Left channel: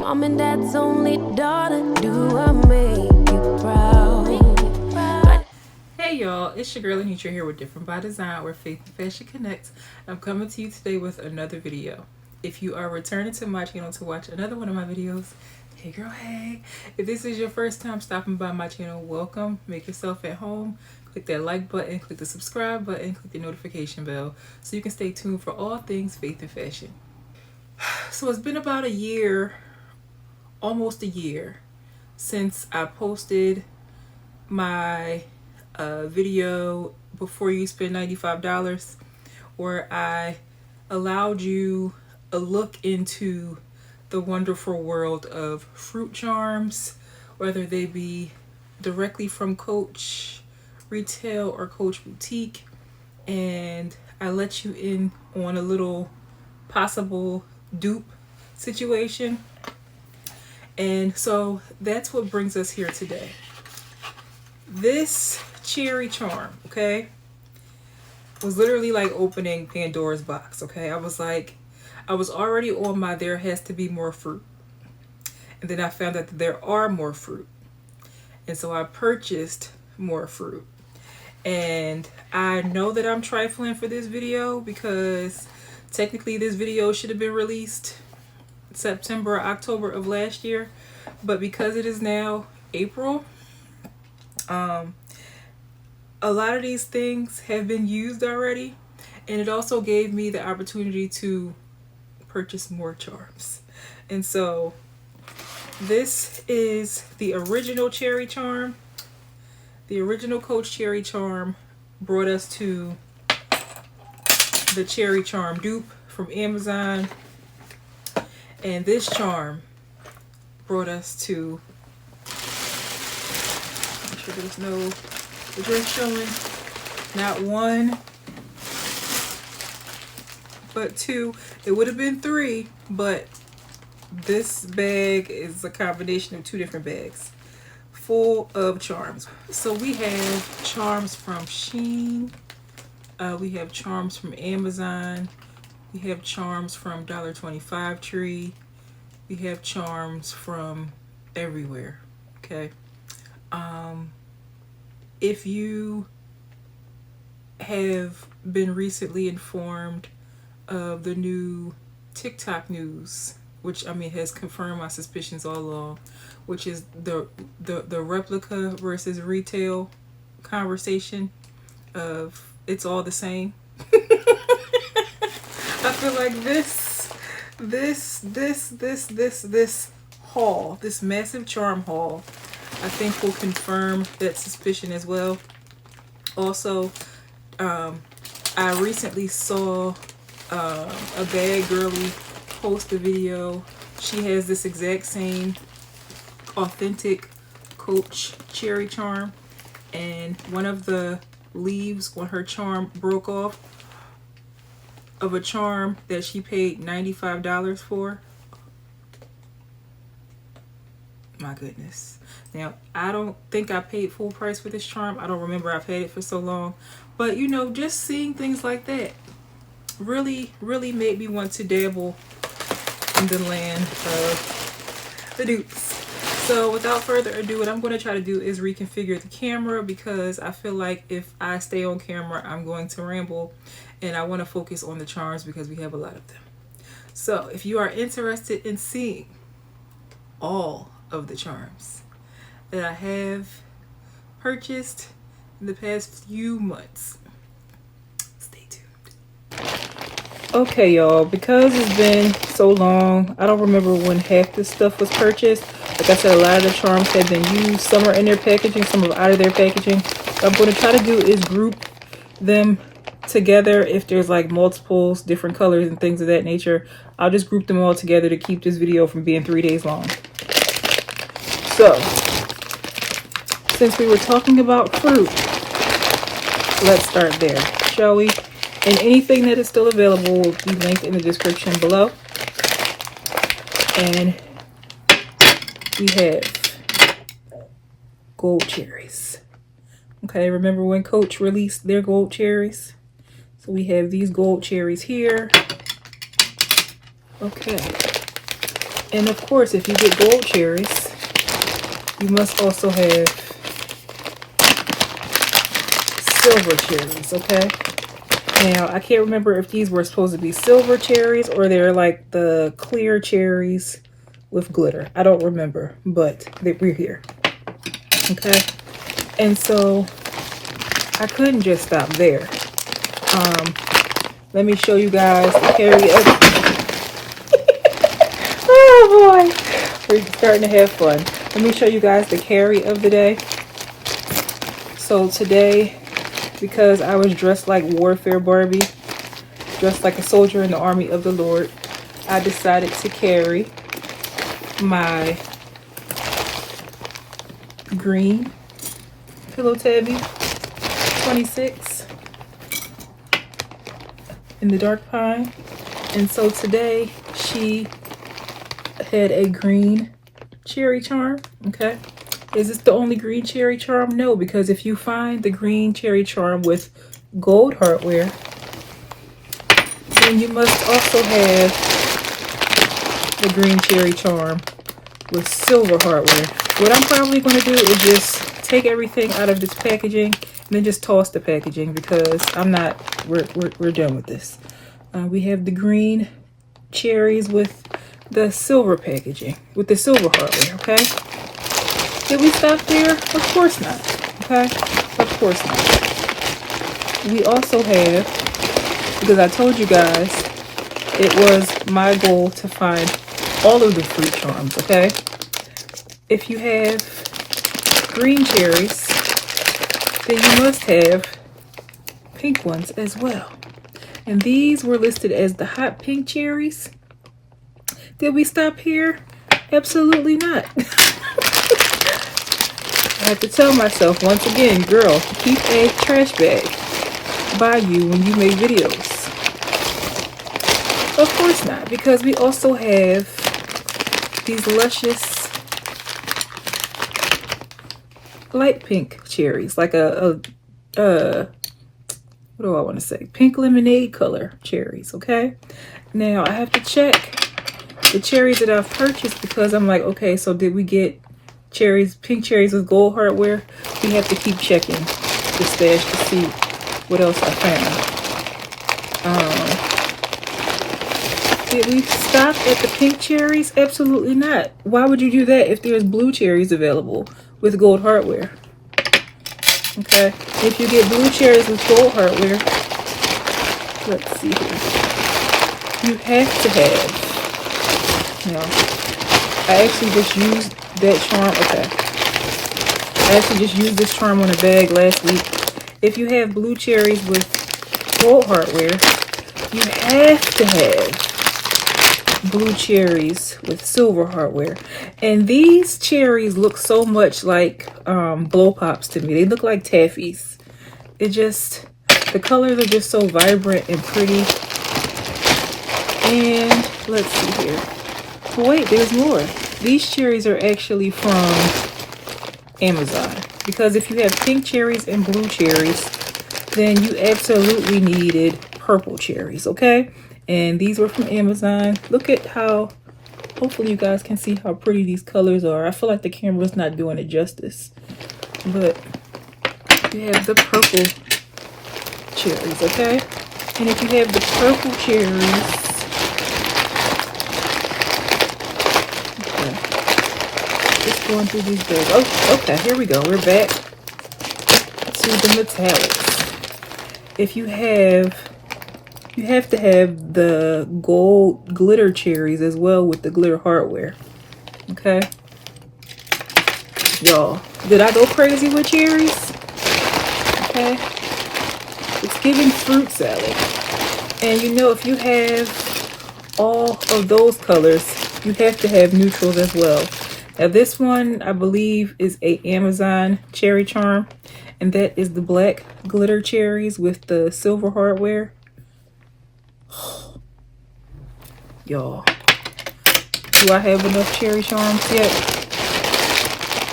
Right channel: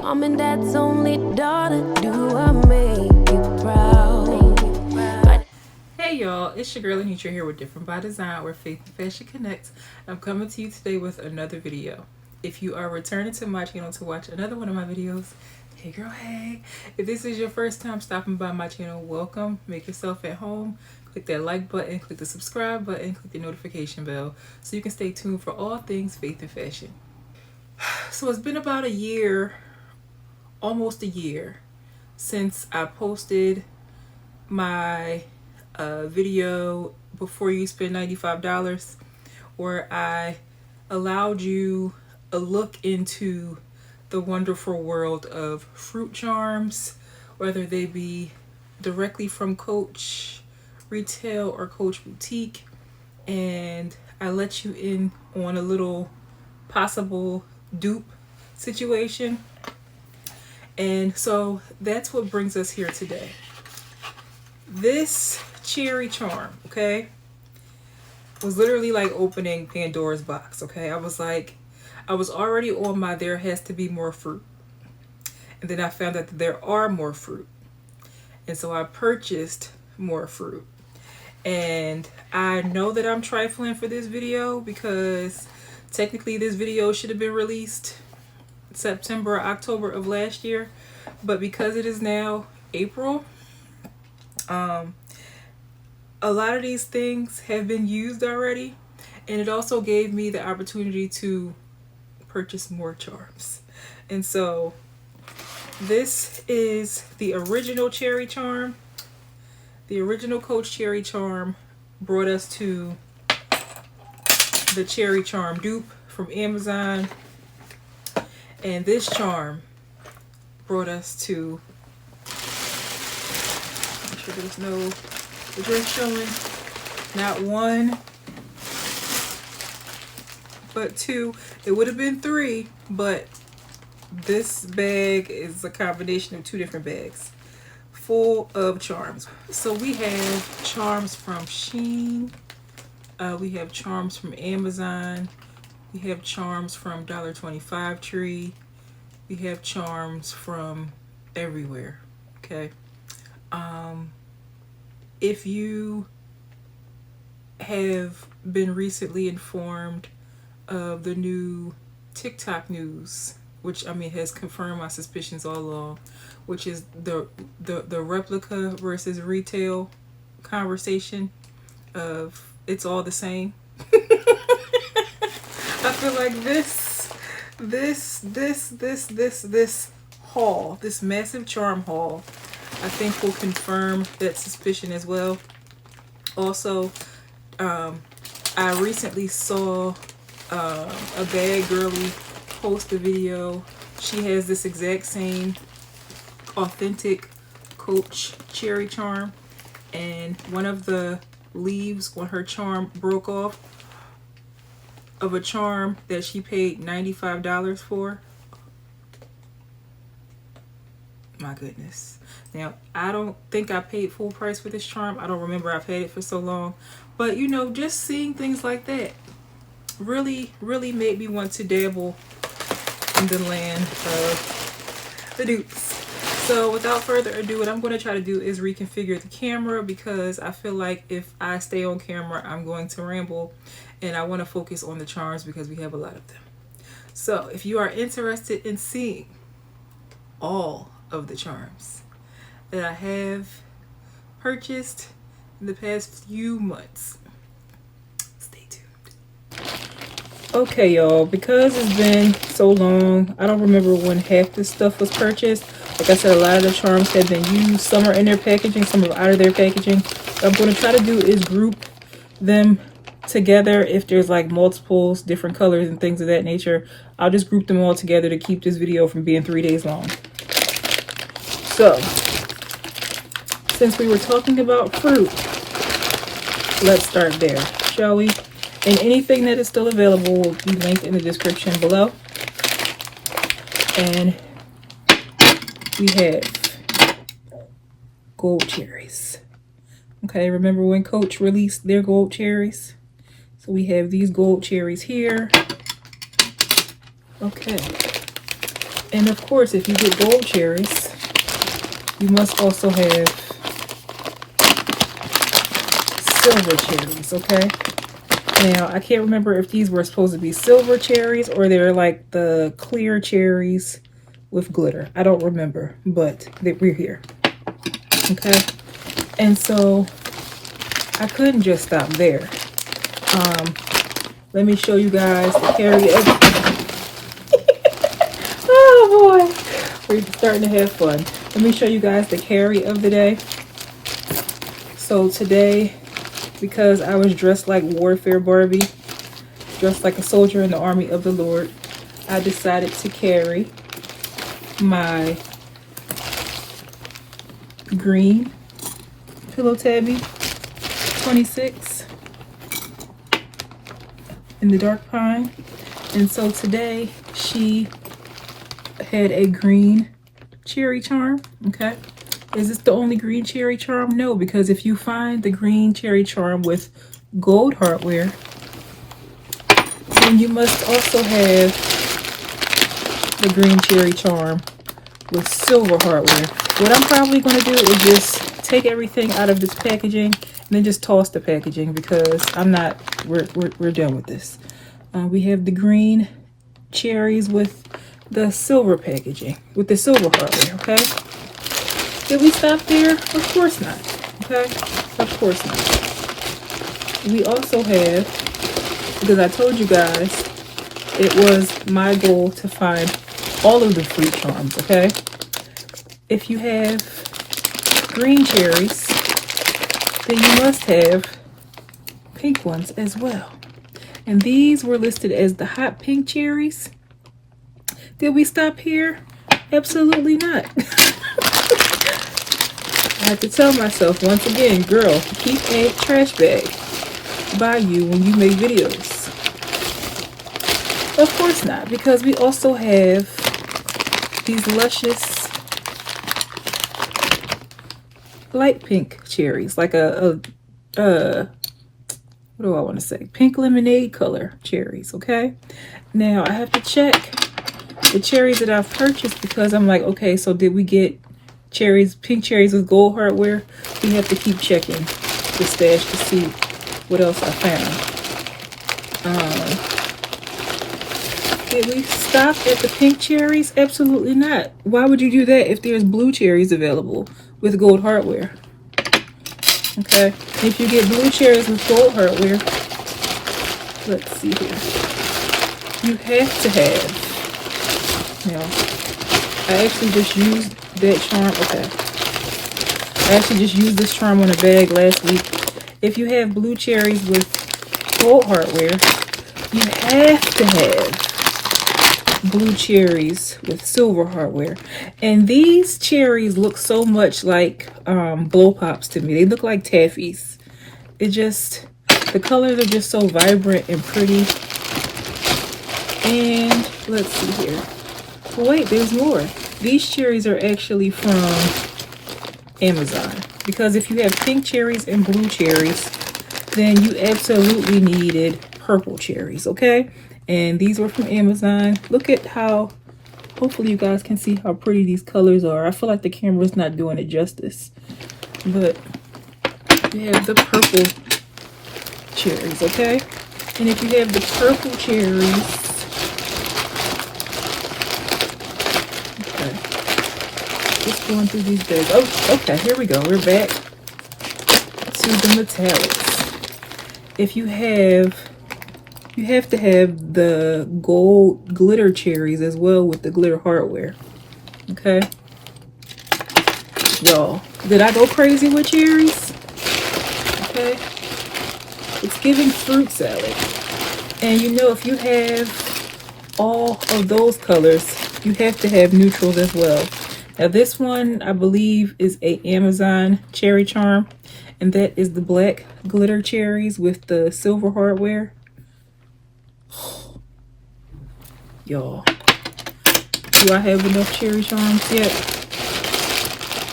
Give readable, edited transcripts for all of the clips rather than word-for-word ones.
Mom and dad's only daughter, do I make you proud? Hey y'all, it's your girl Annitra here with Different by Design, where faith and fashion connects. I'm coming to you today with another video. If you are returning to my channel to watch another one of my videos, hey girl, hey. If this is your first time stopping by my channel, welcome. Make yourself at home. Click that like button, click the subscribe button, click the notification bell so you can stay tuned for all things faith and fashion. So it's been about a year, almost a year, since I posted my video before you spend $95, where I allowed you a look into the wonderful world of fruit charms, whether they be directly from Coach Retail or Coach Boutique, and I let you in on a little possible dupe situation. And so that's what brings us here today. This cherry charm, okay, was literally like opening Pandora's box. Okay, I was already on my there has to be more fruit, and then I found out that there are more fruit, and so I purchased more fruit. And I know that I'm trifling for this video because technically this video should have been released September or October of last year, but because it is now April, a lot of these things have been used already, and it also gave me the opportunity to purchase more charms. And so this is the original cherry charm. The original Coach cherry charm brought us to the cherry charm dupe from Amazon, and this charm brought us to, make sure there's no drink showing, not one but two. It would have been three, but this bag is a combination of two different bags full of charms. So we have charms from SHEIN, we have charms from Amazon, we have charms from $1.25 Tree, we have charms from everywhere. Okay, if you have been recently informed of the new TikTok news, which I mean has confirmed my suspicions all along, which is the replica versus retail conversation of it's all the same. I feel like this haul, this massive charm haul, I think will confirm that suspicion as well. Also, I recently saw a bad girly post a video. She has this exact same authentic Coach cherry charm, and one of the leaves on her charm broke off of a charm that she paid $95 for. My goodness. Now, I don't think I paid full price for this charm. I don't remember. I've had it for so long. But, you know, just seeing things like that really made me want to dabble in the land of the dupes. So without further ado, what I'm going to try to do is reconfigure the camera, because I feel like if I stay on camera, I'm going to ramble, and I want to focus on the charms because we have a lot of them. So if you are interested in seeing all of the charms that I have purchased in the past few months, stay tuned. Okay, y'all, because it's been so long, I don't remember when half this stuff was purchased. Like I said, a lot of the charms have been used. Some are in their packaging, some are out of their packaging. What I'm going to try to do is group them together. If there's like multiples, different colors and things of that nature, I'll just group them all together to keep this video from being 3 days long. So, since we were talking about fruit, let's start there, shall we? And anything that is still available will be linked in the description below. And we have gold cherries. Okay, remember when Coach released their gold cherries? So we have these gold cherries here. Okay. And of course, if you get gold cherries, you must also have silver cherries, okay? Now, I can't remember if these were supposed to be silver cherries or they're like the clear cherries with glitter. I don't remember, but we're here, okay? And so I couldn't just stop there. Let me show you guys the carry of oh boy, we're starting to have fun. Let me show you guys the carry of the day. So today, because I was dressed like Warfare Barbie, dressed like a soldier in the army of the Lord, I decided to carry my green Pillow Tabby 26 in the dark pine. And so today she had a green cherry charm, okay? Is this the only green cherry charm? No, because if you find the green cherry charm with gold hardware, then you must also have the green cherry charm with silver hardware. What I'm probably going to do is just take everything out of this packaging and then just toss the packaging, because we're done with this. We have the green cherries with the silver packaging, with the silver hardware, okay? Did we stop there? Of course not, okay? Of course not. We also have, because I told you guys, it was my goal to find all of the fruit charms, okay? If you have green cherries, then you must have pink ones as well. And these were listed as the hot pink cherries. Did we stop here? Absolutely not. I have to tell myself once again, girl, keep a trash bag by you when you make videos. Of course not, because we also have these luscious light pink cherries, like what do I want to say? Pink lemonade color cherries, okay? Now, I have to check the cherries that I've purchased, because I'm like, okay, so did we get cherries, pink cherries with gold hardware? We have to keep checking the stash to see what else I found. Did we stop at the pink cherries? Absolutely not. Why would you do that if there's blue cherries available with gold hardware? Okay, if you get blue cherries with gold hardware, let's see here. You have to have, I actually just used that charm, okay. I actually just used this charm on a bag last week. If you have blue cherries with gold hardware, you have to have blue cherries with silver hardware. And these cherries look so much like blow pops to me. They look like taffies. The colors are just so vibrant and pretty. And let's see here. Oh wait, there's more. These cherries are actually from Amazon, because if you have pink cherries and blue cherries, then you absolutely needed purple cherries, okay? And these were from Amazon. Look at how, hopefully you guys can see how pretty these colors are. I feel like the camera's not doing it justice. But you have the purple cherries, okay? And if you have the purple cherries, okay, just going through these bags. Oh, okay, here we go. We're back to the metallics. If you have to have the gold glitter cherries as well with the glitter hardware. Okay. Y'all, did I go crazy with cherries? Okay. It's giving fruit salad. And you know, if you have all of those colors, you have to have neutrals as well. Now this one, I believe, is a Amazon cherry charm. And that is the black glitter cherries with the silver hardware. Y'all, do I have enough cherry charms yet?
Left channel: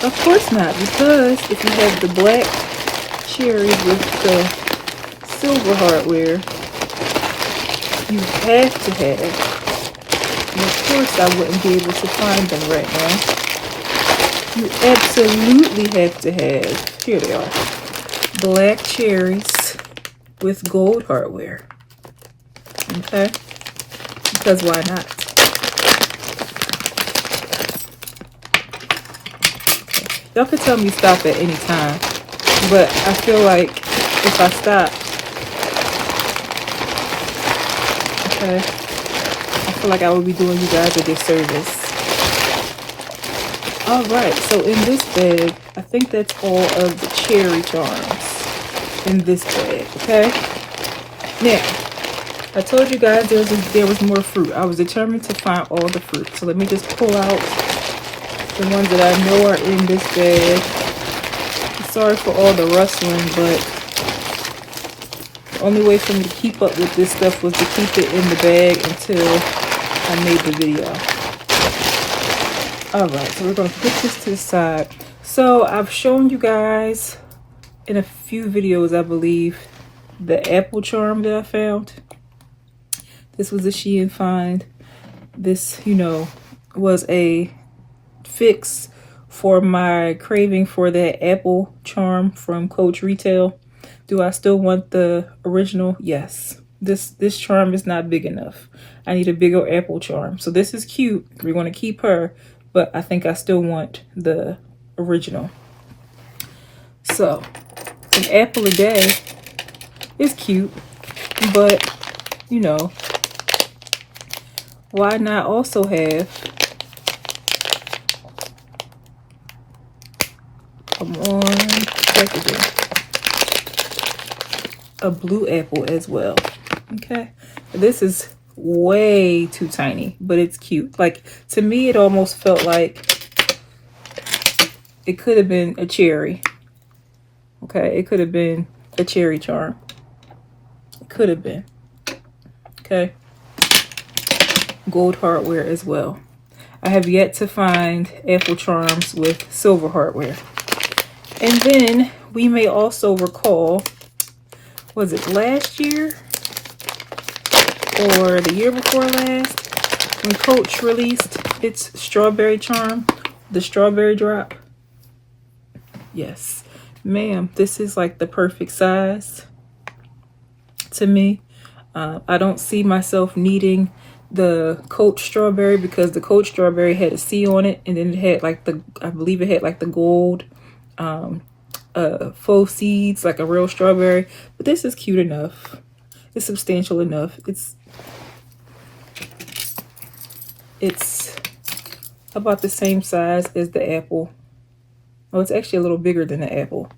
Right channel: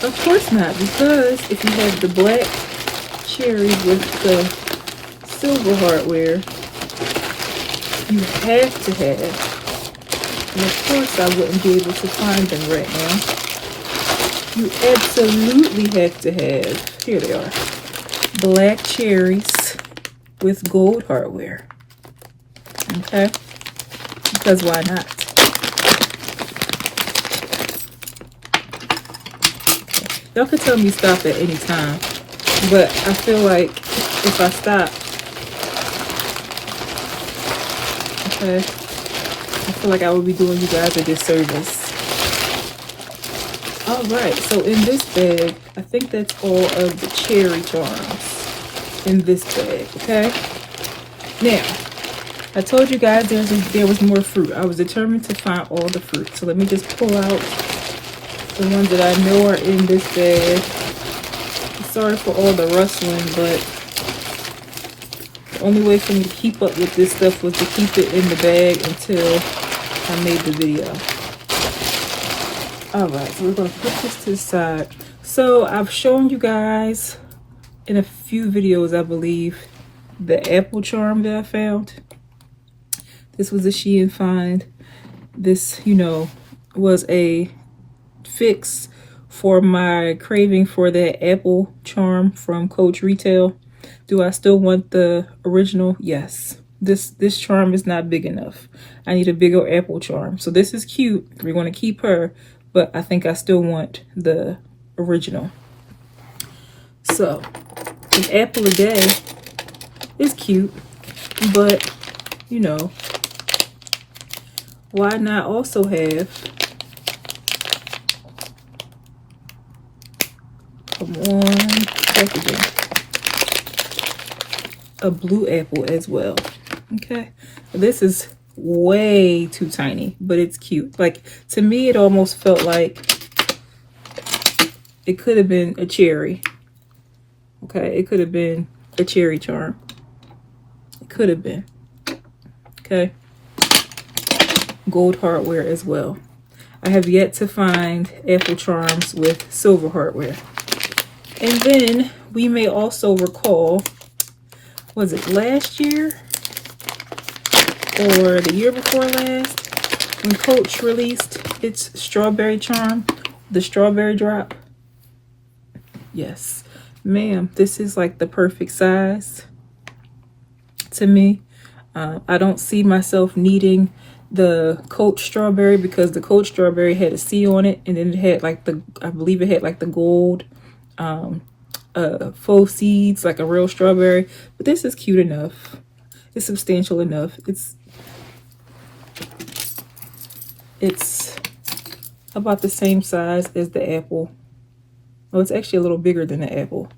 Of course not, because if you have the black cherries with the silver hardware, you have to have And of course, I wouldn't be able to find them right now. You absolutely have to have, here they are, black cherries with gold hardware. Okay? Because why not? Y'all could tell me stop at any time, but I feel like if I stop, okay, I feel like I would be doing you guys a disservice. All right, so in this bag, I think that's all of the cherry charms in this bag, okay? Now, I told you guys there was more fruit. I was determined to find all the fruit. So let me just pull out the ones that I know are in this bag. Sorry for all the rustling, but the only way for me to keep up with this stuff was to keep it in the bag until I made the video. Alright, so we're going to put this to the side. So I've shown you guys in a few videos, I believe, the apple charm that I found. This was a SHEIN find. This, you know, was a fix for my craving for that apple charm from Coach Retail. Do I still want the original? Yes. This charm is not big enough. I need a bigger apple charm. So this is cute. We're going to keep her, but I think I still want the original. So an apple a day is cute, but you know, why not also have, come on, packaging, a blue apple as well. Okay, this is way too tiny, but it's cute. Like, to me, it almost felt like it could have been a cherry. Okay, it could have been a cherry charm. It could have been. Okay, gold hardware as well. I have yet to find apple charms with silver hardware. And then we may also recall, was it last year or the year before last, when Coach released its strawberry charm, the strawberry drop? Yes, ma'am, this is like the perfect size to me. I don't see myself needing the Coach strawberry because the Coach strawberry had a C on it, and then it had like the, I believe it had like the gold faux seeds, like a real strawberry. But this is cute enough. It's substantial enough. It's about the same size as the apple. Oh, it's actually a little bigger than the apple.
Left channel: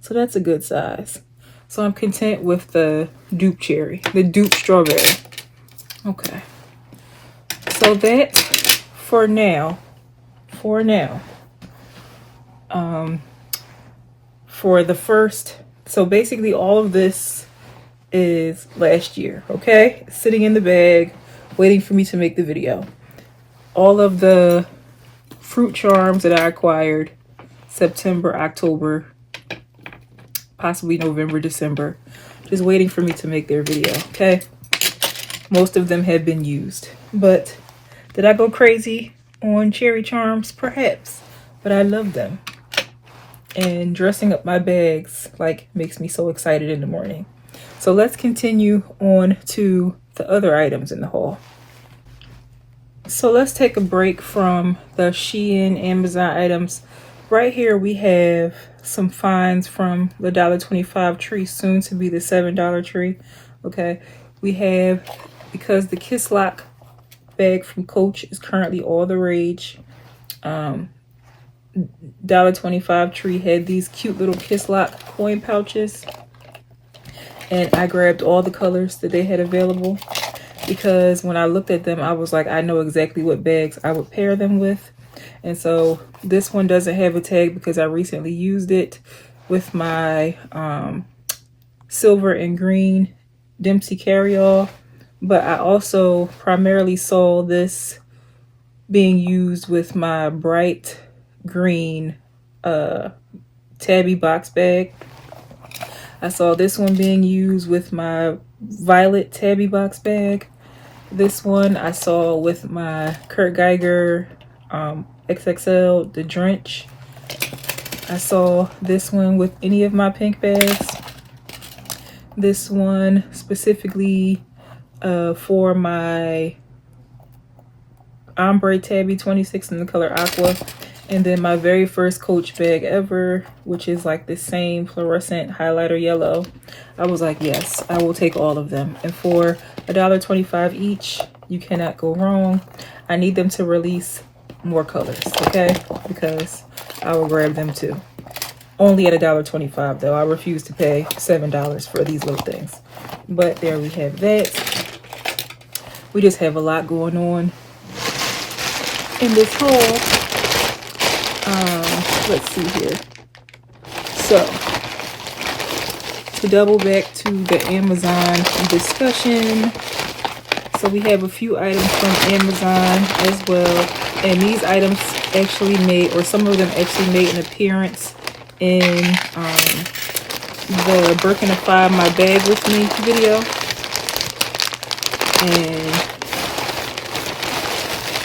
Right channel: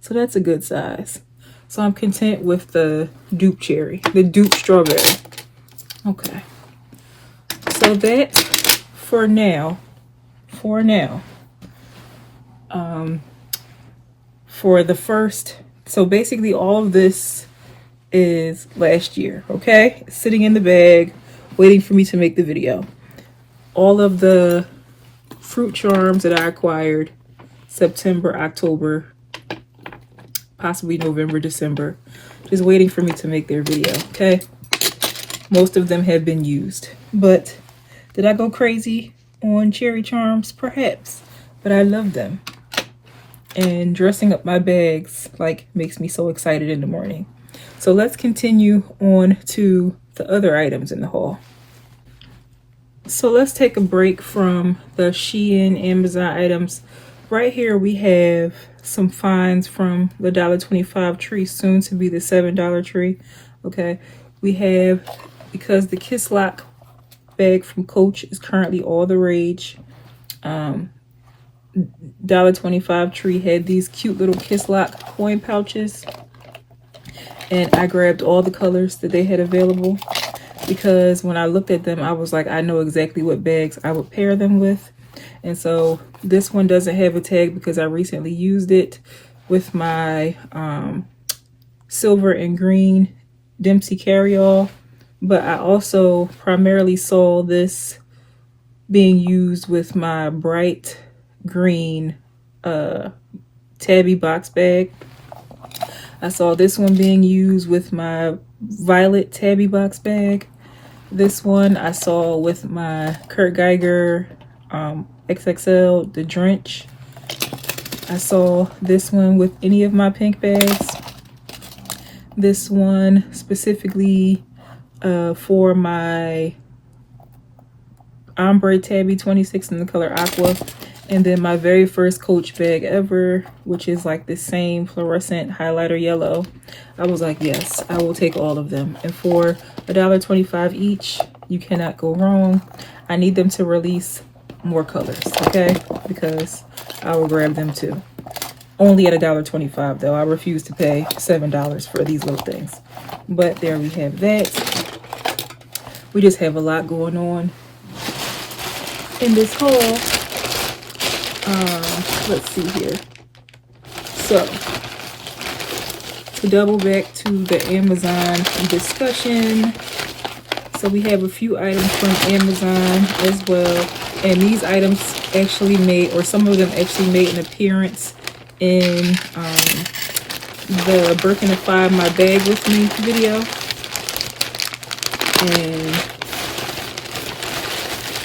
So that's a good size. So I'm content with the dupe cherry, the dupe strawberry. Okay. So that for now, for the first, so basically all of this is last year, okay? Sitting in the bag, waiting for me to make the video. All of the fruit charms that I acquired September, October, possibly November, December, just waiting for me to make their video, okay? Most of them have been used, but did I go crazy on cherry charms? Perhaps, but I love them. And dressing up my bags like makes me so excited in the morning. So let's continue on to the other items in the haul. So let's take a break from the SHEIN Amazon items. Right here we have some finds from the $1.25 tree, soon to be the $7 tree. Okay, we have, because the Kiss Lock bag from Coach is currently all the rage. $1.25 tree had these cute little Kiss Lock coin pouches, and I grabbed all the colors that they had available because when I looked at them, I was like, I know exactly what bags I would pair them with. And so this one doesn't have a tag because I recently used it with my silver and green Dempsey carryall. But I also primarily saw this being used with my bright green tabby box bag. I saw this one being used with my violet tabby box bag. This one I saw with my Kurt Geiger XXL, the Drench. I saw this one with any of my pink bags. This one specifically for my ombre tabby 26 in the color aqua. And then my very first Coach bag ever, which is like the same fluorescent highlighter yellow. I was like, yes, I will take all of them. And for $1.25 each, you cannot go wrong. I need them to release more colors, okay? Because I will grab them too. Only at $1.25 though. I refuse to pay $7 for these little things. But there we have that. We just have a lot going on in this haul. Let's see here. So, to double back to the Amazon discussion. So we have a few items from Amazon as well. And these items actually made, or some of them actually made an appearance in the Birkenify My Bag With Me video. And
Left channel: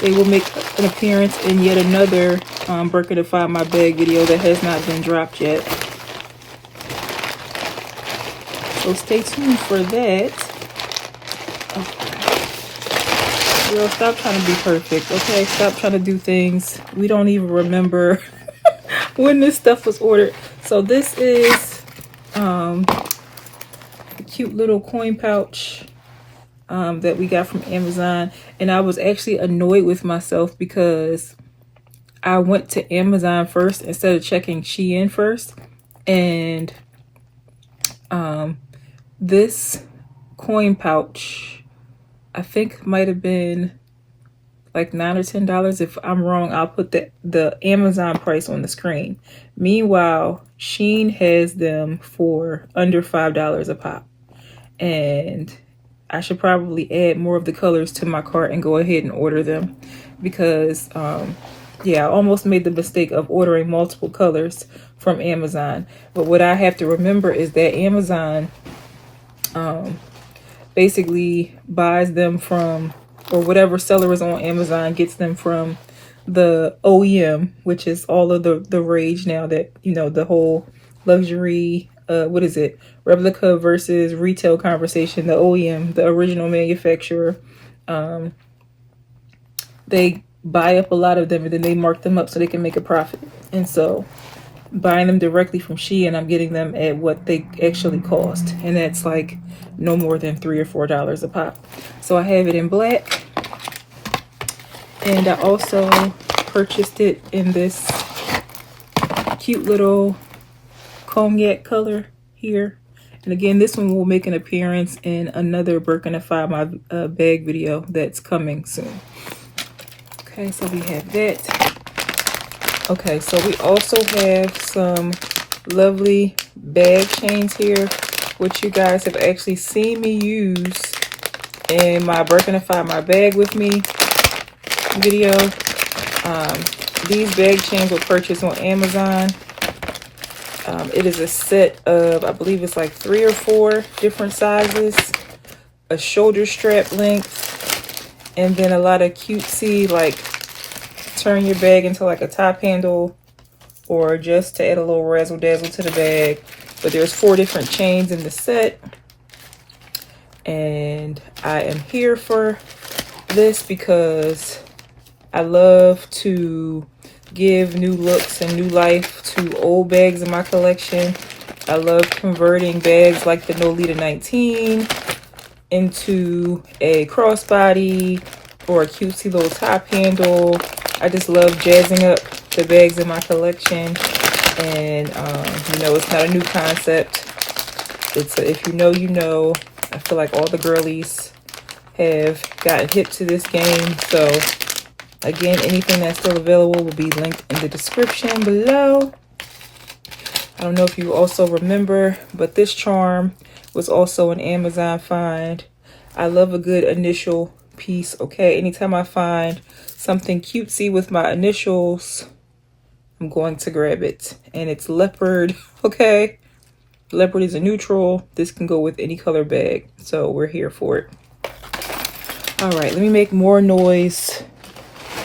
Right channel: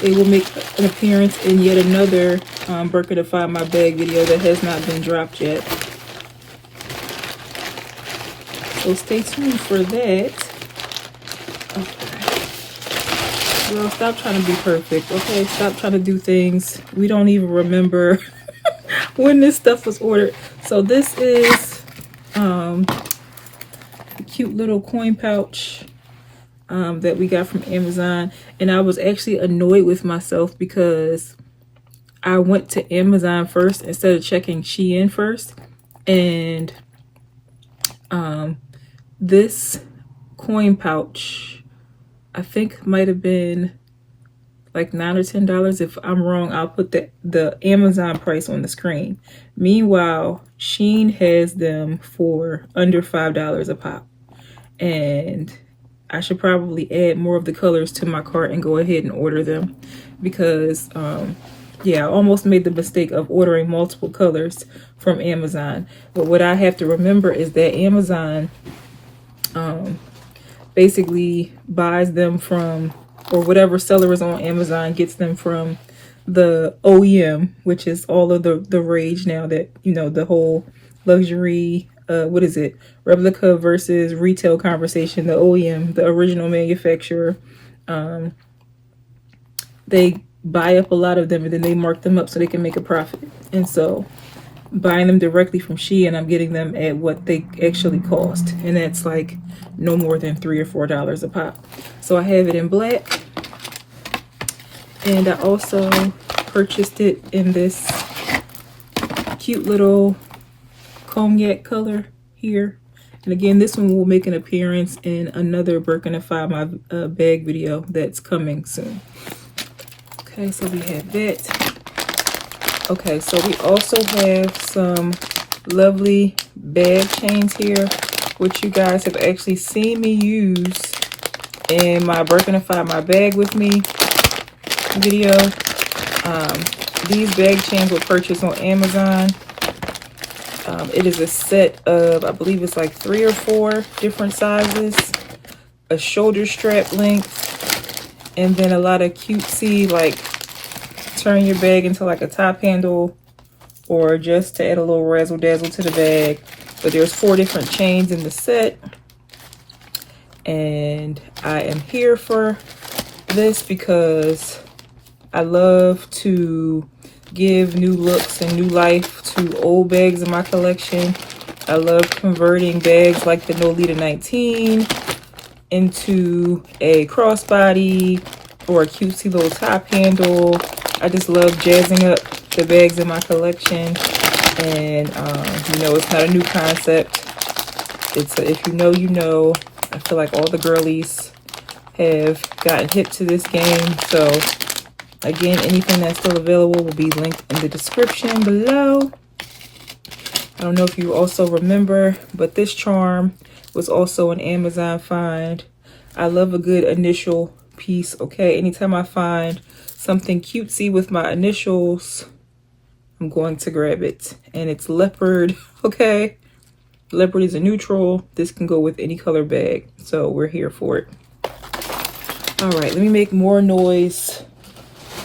they will make an appearance in yet another Birkenify My Bag video that has not been dropped yet. So stay tuned for that. Okay. Girl, stop trying to be perfect, okay? Stop trying to do things. We don't even remember when this stuff was ordered. So this is a cute little coin pouch that we got from Amazon. And I was actually annoyed with myself because I went to Amazon first instead of checking SHEIN first. And this coin pouch, I think might have been like $9 or $10. If I'm wrong, I'll put the Amazon price on the screen. Meanwhile, SHEIN has them for under $5 a pop. And I should probably add more of the colors to my cart and go ahead and order them. Because, yeah, I almost made the mistake of ordering multiple colors from Amazon. But what I have to remember is that Amazon basically buys them from, or whatever seller is on Amazon gets them from the OEM, which is all of the rage now that, you know, the whole luxury, what is it? Replica versus retail conversation. The OEM, the original manufacturer, they buy up a lot of them and then they mark them up so they can make a profit. And so buying them directly from SHEIN, I'm getting them at what they actually cost. And that's like no more than $3 or $4 a pop. So I have it in black. And I also purchased it in this cute little cognac color here. And again, this one will make an appearance in another Birkenify My Bag video that's coming soon. Okay, so we have that. Okay, so we also have some lovely bag chains here, which you guys have actually seen me use in my Birkenify My Bag With Me video. These bag chains were purchased on Amazon. It is a set of, I believe it's like 3 or 4 different sizes, a shoulder strap length, and then a lot of cutesy, like turn your bag into like a top handle, or just to add a little razzle dazzle to the bag. But there's 4 different chains in the set, and I am here for this because I love to give new looks and new life to old bags in my collection. I love converting bags like the Nolita 19 into a crossbody or a cutesy little top handle. I just love jazzing up the bags in my collection. And, you know, it's not a new concept. It's a, if you know, you know. I feel like all the girlies have gotten hip to this game. So, again, anything that's still available will be linked in the description below. I don't know if you also remember, but this charm was also an Amazon find. I love a good initial piece, okay? Anytime I find something cutesy with my initials, I'm going to grab it. And it's leopard, okay? Leopard is a neutral. This can go with any color bag, so we're here for it. All right, let me make more noise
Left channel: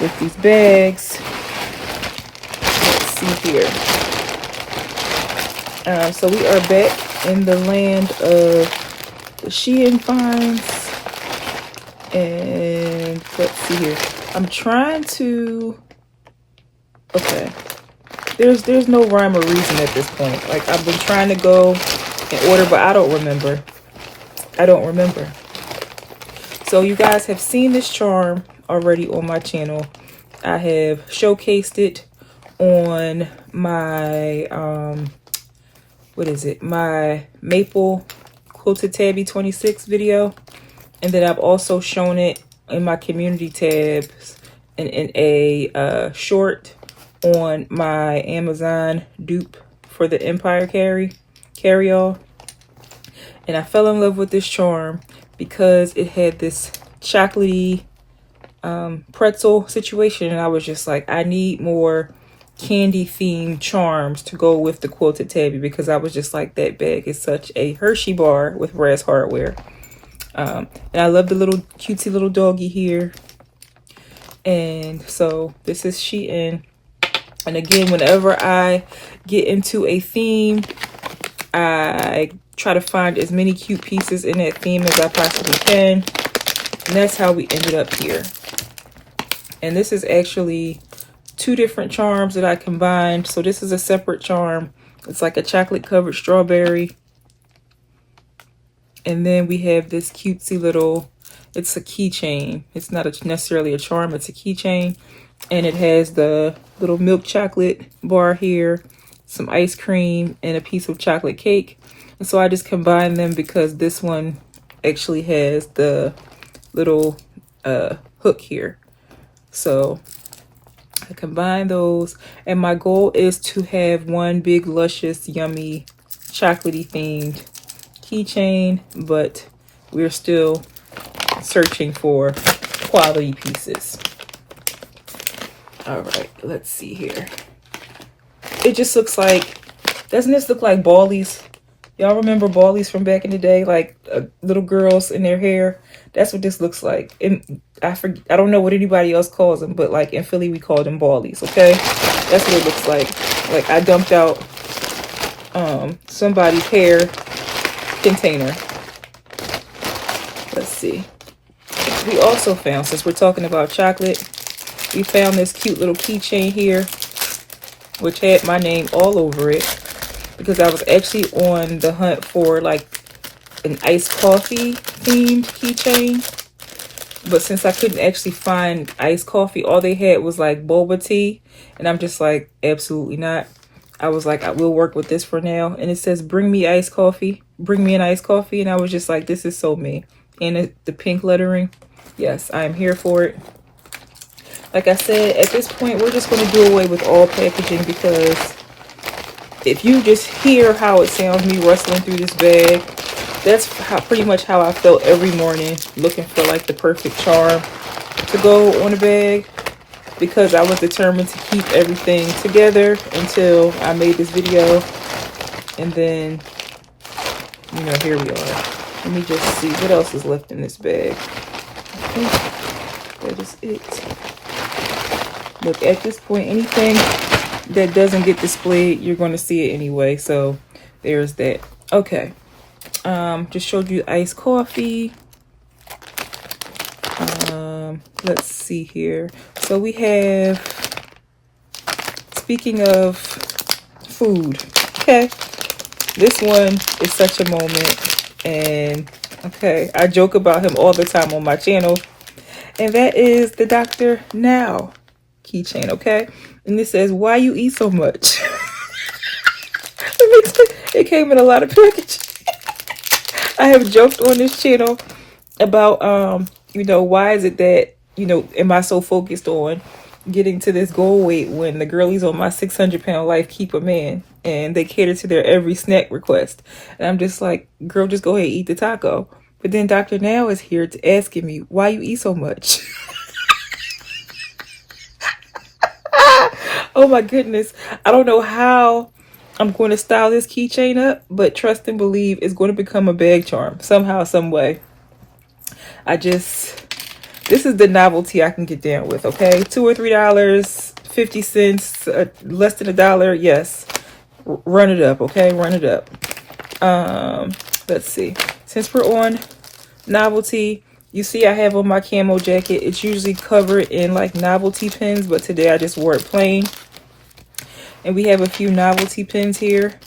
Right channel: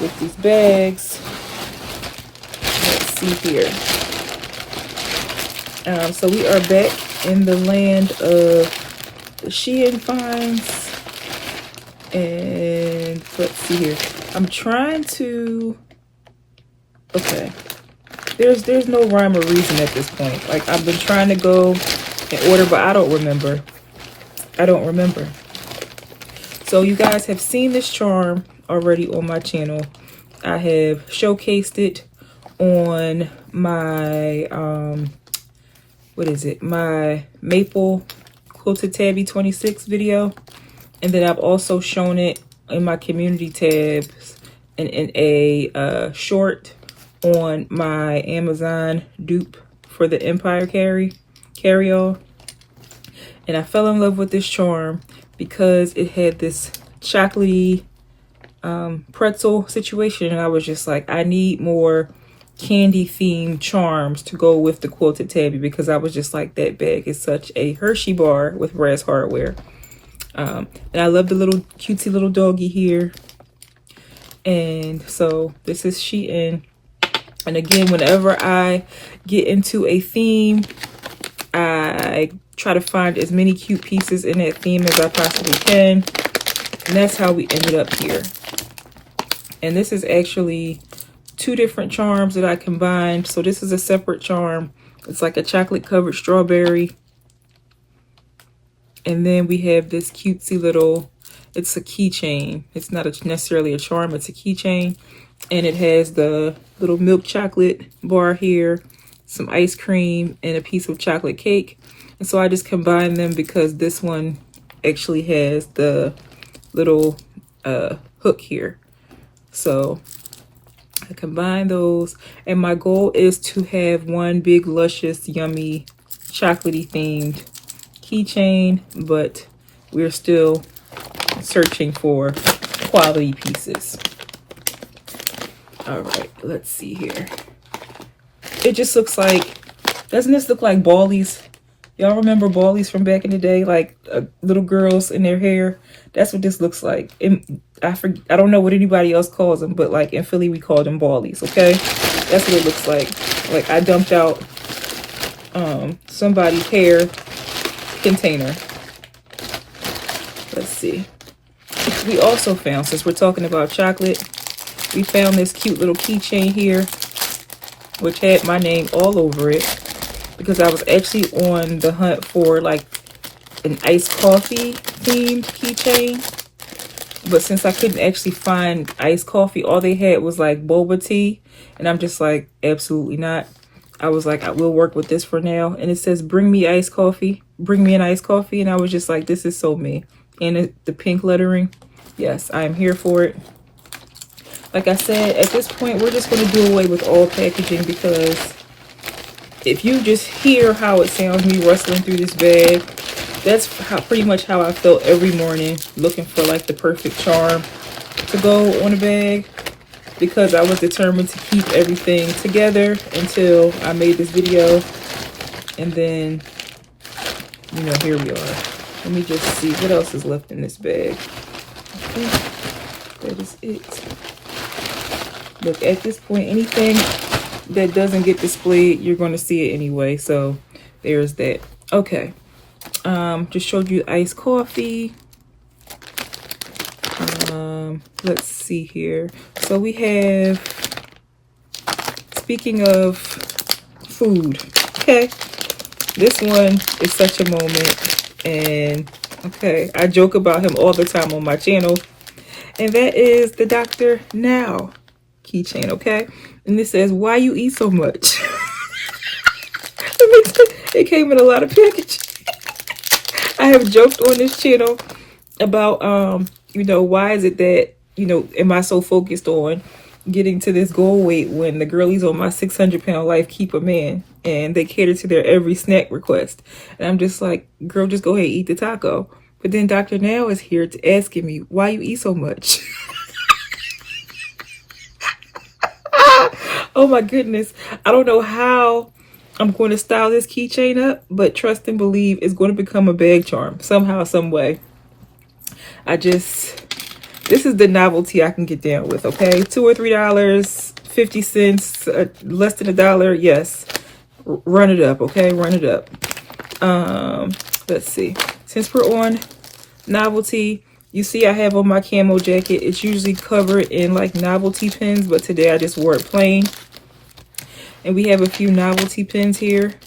with these bags. Let's see here. So we are back in the land of the SHEIN finds. And let's see here. I'm trying to, okay. There's no rhyme or reason at this point. Like, I've been trying to go in order, but I don't remember. So you guys have seen this charm already on my channel. I have showcased it on my, my Maple Quilted Tabby 26 video. And then I've also shown it in my community tabs and in a short on my Amazon dupe for the Empire carry-all. And I fell in love with this charm because it had this chocolatey pretzel situation. And I was just like, I need more candy themed charms to go with the Quilted Tabby, because I was just like, that bag is such a Hershey bar with brass hardware. And I love the little cutesy little doggy here. And so this is SHEIN. And again, whenever I get into a theme, I try to find as many cute pieces in that theme as I possibly can. And that's how we ended up here. And this is actually 2 different charms that I combined. So this is a separate charm. It's like a chocolate covered strawberry. And then we have this cutesy little, it's a keychain. It's not necessarily a charm, it's a keychain. And it has the little milk chocolate bar here, some ice cream, and a piece of chocolate cake. And so I just combined them because this one actually has the little hook here. So I combine those. And my goal is to have one big, luscious, yummy, chocolatey themed keychain, but we're still searching for quality pieces. All right, let's see here. It just looks like, doesn't this look like ballies? Y'all remember ballies from back in the day, like little girls in their hair? That's what this looks like. And I don't know what anybody else calls them, but like in Philly we call them ballies. Okay, that's what it looks like. Like I dumped out somebody's hair container. Let's see. We also found, since we're talking about chocolate, we found this cute little keychain here, which had my name all over it, because I was actually on the hunt for like an iced coffee themed keychain. But since I couldn't actually find iced coffee, all they had was like boba tea. And I'm just like, absolutely not. I was like, I will work with this for now. And it says, bring me iced coffee. Bring me an iced coffee. And I was just like, this is so me. And the pink lettering. Yes, I am here for it. Like I said, at this point, we're just going to do away with all packaging, because if you just hear how it sounds, me rustling through this bag, that's pretty much how I felt every morning, looking for like the perfect charm to go on a bag, because I was determined to keep everything together until I made this video. And then, you know, here we are. Let me just see what else is left in this bag. Okay, that is it. Look, at this point, anything that doesn't get displayed, you're going to see it anyway. So there's that. Okay. Just showed you iced coffee. Let's see here. So we have, speaking of food, okay, this one is such a moment. And okay, I joke about him all the time on my channel. And that is the Dr. Now keychain, okay? And it says, why you eat so much? It came in a lot of packaging. I have joked on this channel about, you know, why is it that, you know, am I so focused on getting to this goal weight when the girlies on my 600-pound life keep a man and they cater to their every snack request? And I'm just like, girl, just go ahead and eat the taco. But then Dr. Now is here to asking me, why you eat so much? Oh my goodness. I don't know how I'm going to style this keychain up, but trust and believe it's going to become a bag charm somehow, some way. I just This is the novelty I can get down with, okay? $2 or $3, 50 cents, less than $1. Yes, run it up, okay? Run it up. Let's see. Since we're on novelty, you see I have on my camo jacket. It's usually covered in like novelty pins, but today I just wore it plain. And we have a few novelty pins here.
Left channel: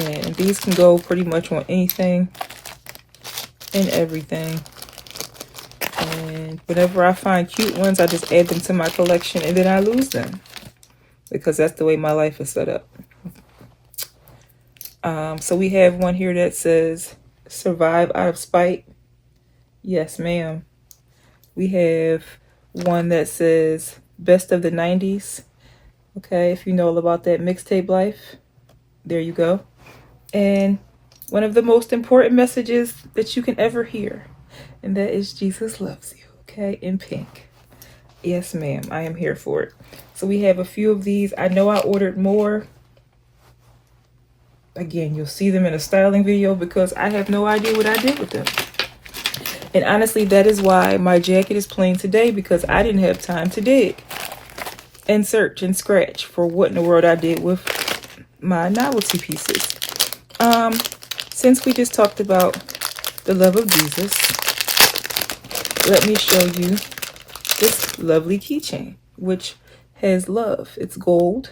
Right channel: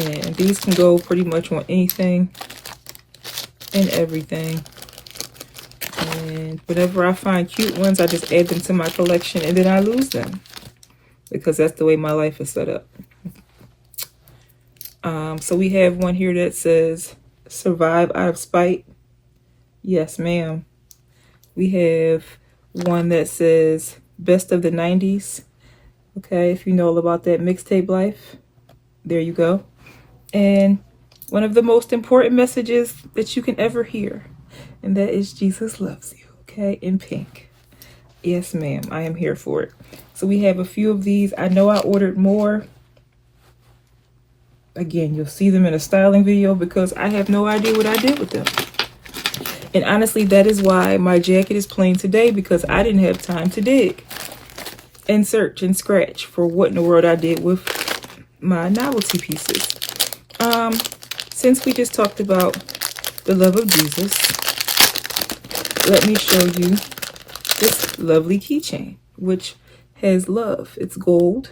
And these can go pretty much on anything and everything. And whenever I find cute ones, I just add them to my collection and then I lose them. Because that's the way my life is set up. So we have one here that says, survive out of spite. Yes, ma'am. We have one that says, best of the 90s. Okay, if you know all about that mixtape life, there you go. And one of the most important messages that you can ever hear, and that is Jesus loves you, okay, in pink. Yes, ma'am, I am here for it. So we have a few of these. I know I ordered more. Again, you'll see them in a styling video because I have no idea what I did with them. And honestly, that is why my jacket is plain today, because I didn't have time to dig and search and scratch for what in the world I did with my novelty pieces. Since we just talked about the love of Jesus, let me show you this lovely keychain, which has love. It's gold.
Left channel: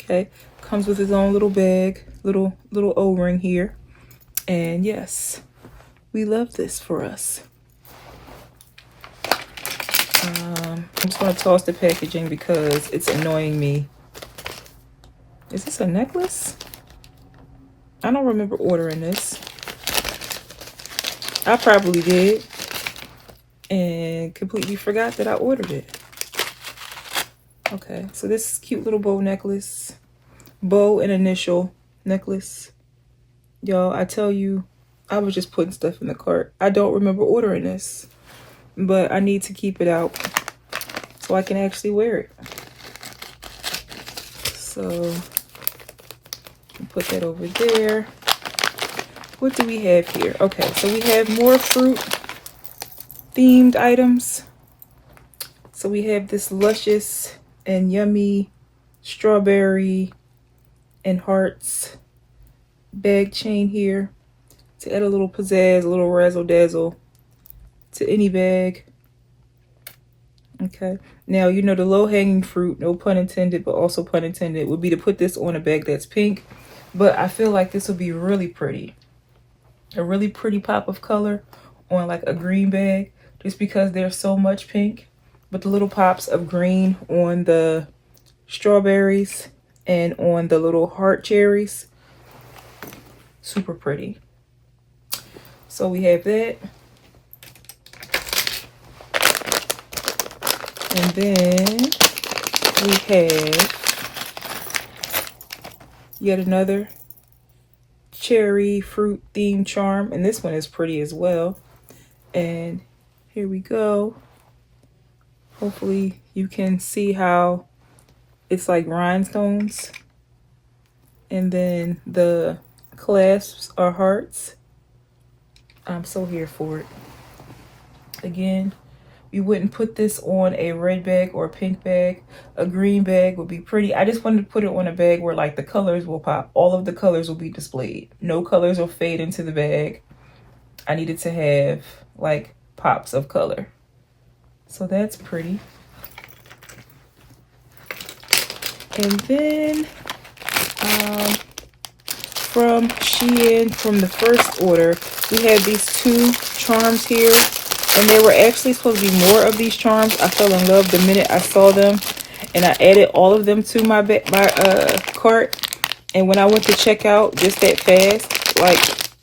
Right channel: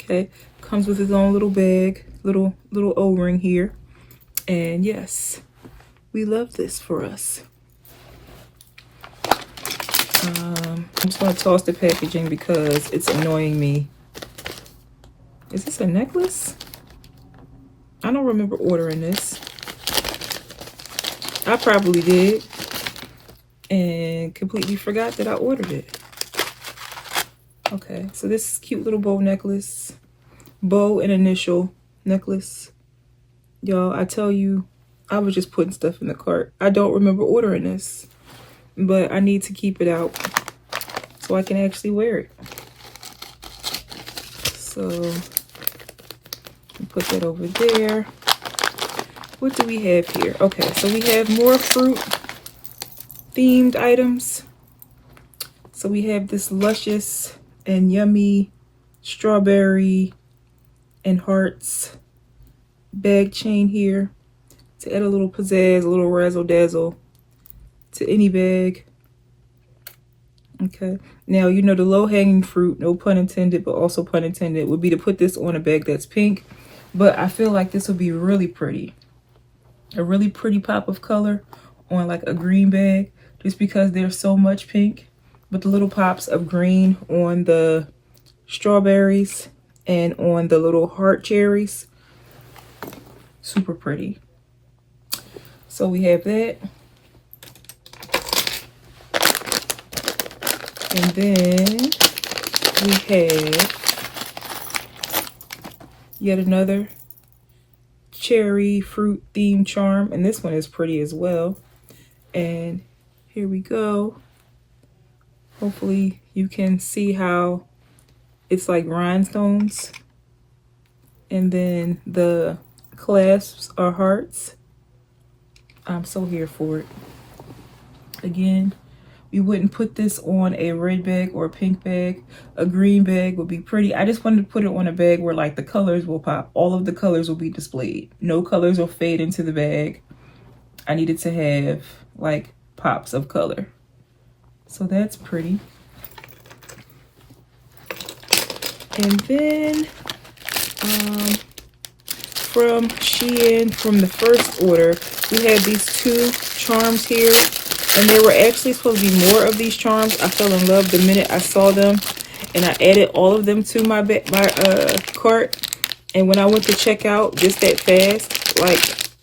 Okay, comes with its own little bag, little O-ring here, and yes, we love this for us. I'm just gonna toss the packaging because it's annoying me. Is this a necklace? I don't remember ordering this. I probably did and completely forgot that I ordered it. Okay, so this cute little bow necklace, bow and initial necklace. Y'all, I tell you, I was just putting stuff in the cart. I don't remember ordering this, but I need to keep it out so I can actually wear it. So put that over there. What do we have here? Okay, so we have more fruit themed items. So we have this luscious and yummy strawberry and hearts bag chain here to add a little pizzazz, a little razzle dazzle to any bag. Okay, now you know the low hanging fruit, no pun intended, but also pun intended, would be to put this on a bag that's pink. But I feel like this would be really pretty. A really pretty pop of color on like a green bag, just because there's so much pink. But the little pops of green on the strawberries and on the little heart cherries. Super pretty. So we have that. And then we have yet another cherry fruit themed charm, and this one is pretty as well. And here we go. Hopefully you can see how it's like rhinestones, and then the clasps are hearts. I'm so here for it. Again, we wouldn't put this on a red bag or a pink bag. A green bag would be pretty. I just wanted to put it on a bag where like the colors will pop. All of the colors will be displayed. No colors will fade into the bag. I needed to have like pops of color. So that's pretty. And then from SHEIN, from the first order, we had these two charms here. And there were actually supposed to be more of these charms. I fell in love the minute I saw them, and I added all of them to my cart. And when I went to check out just that fast, like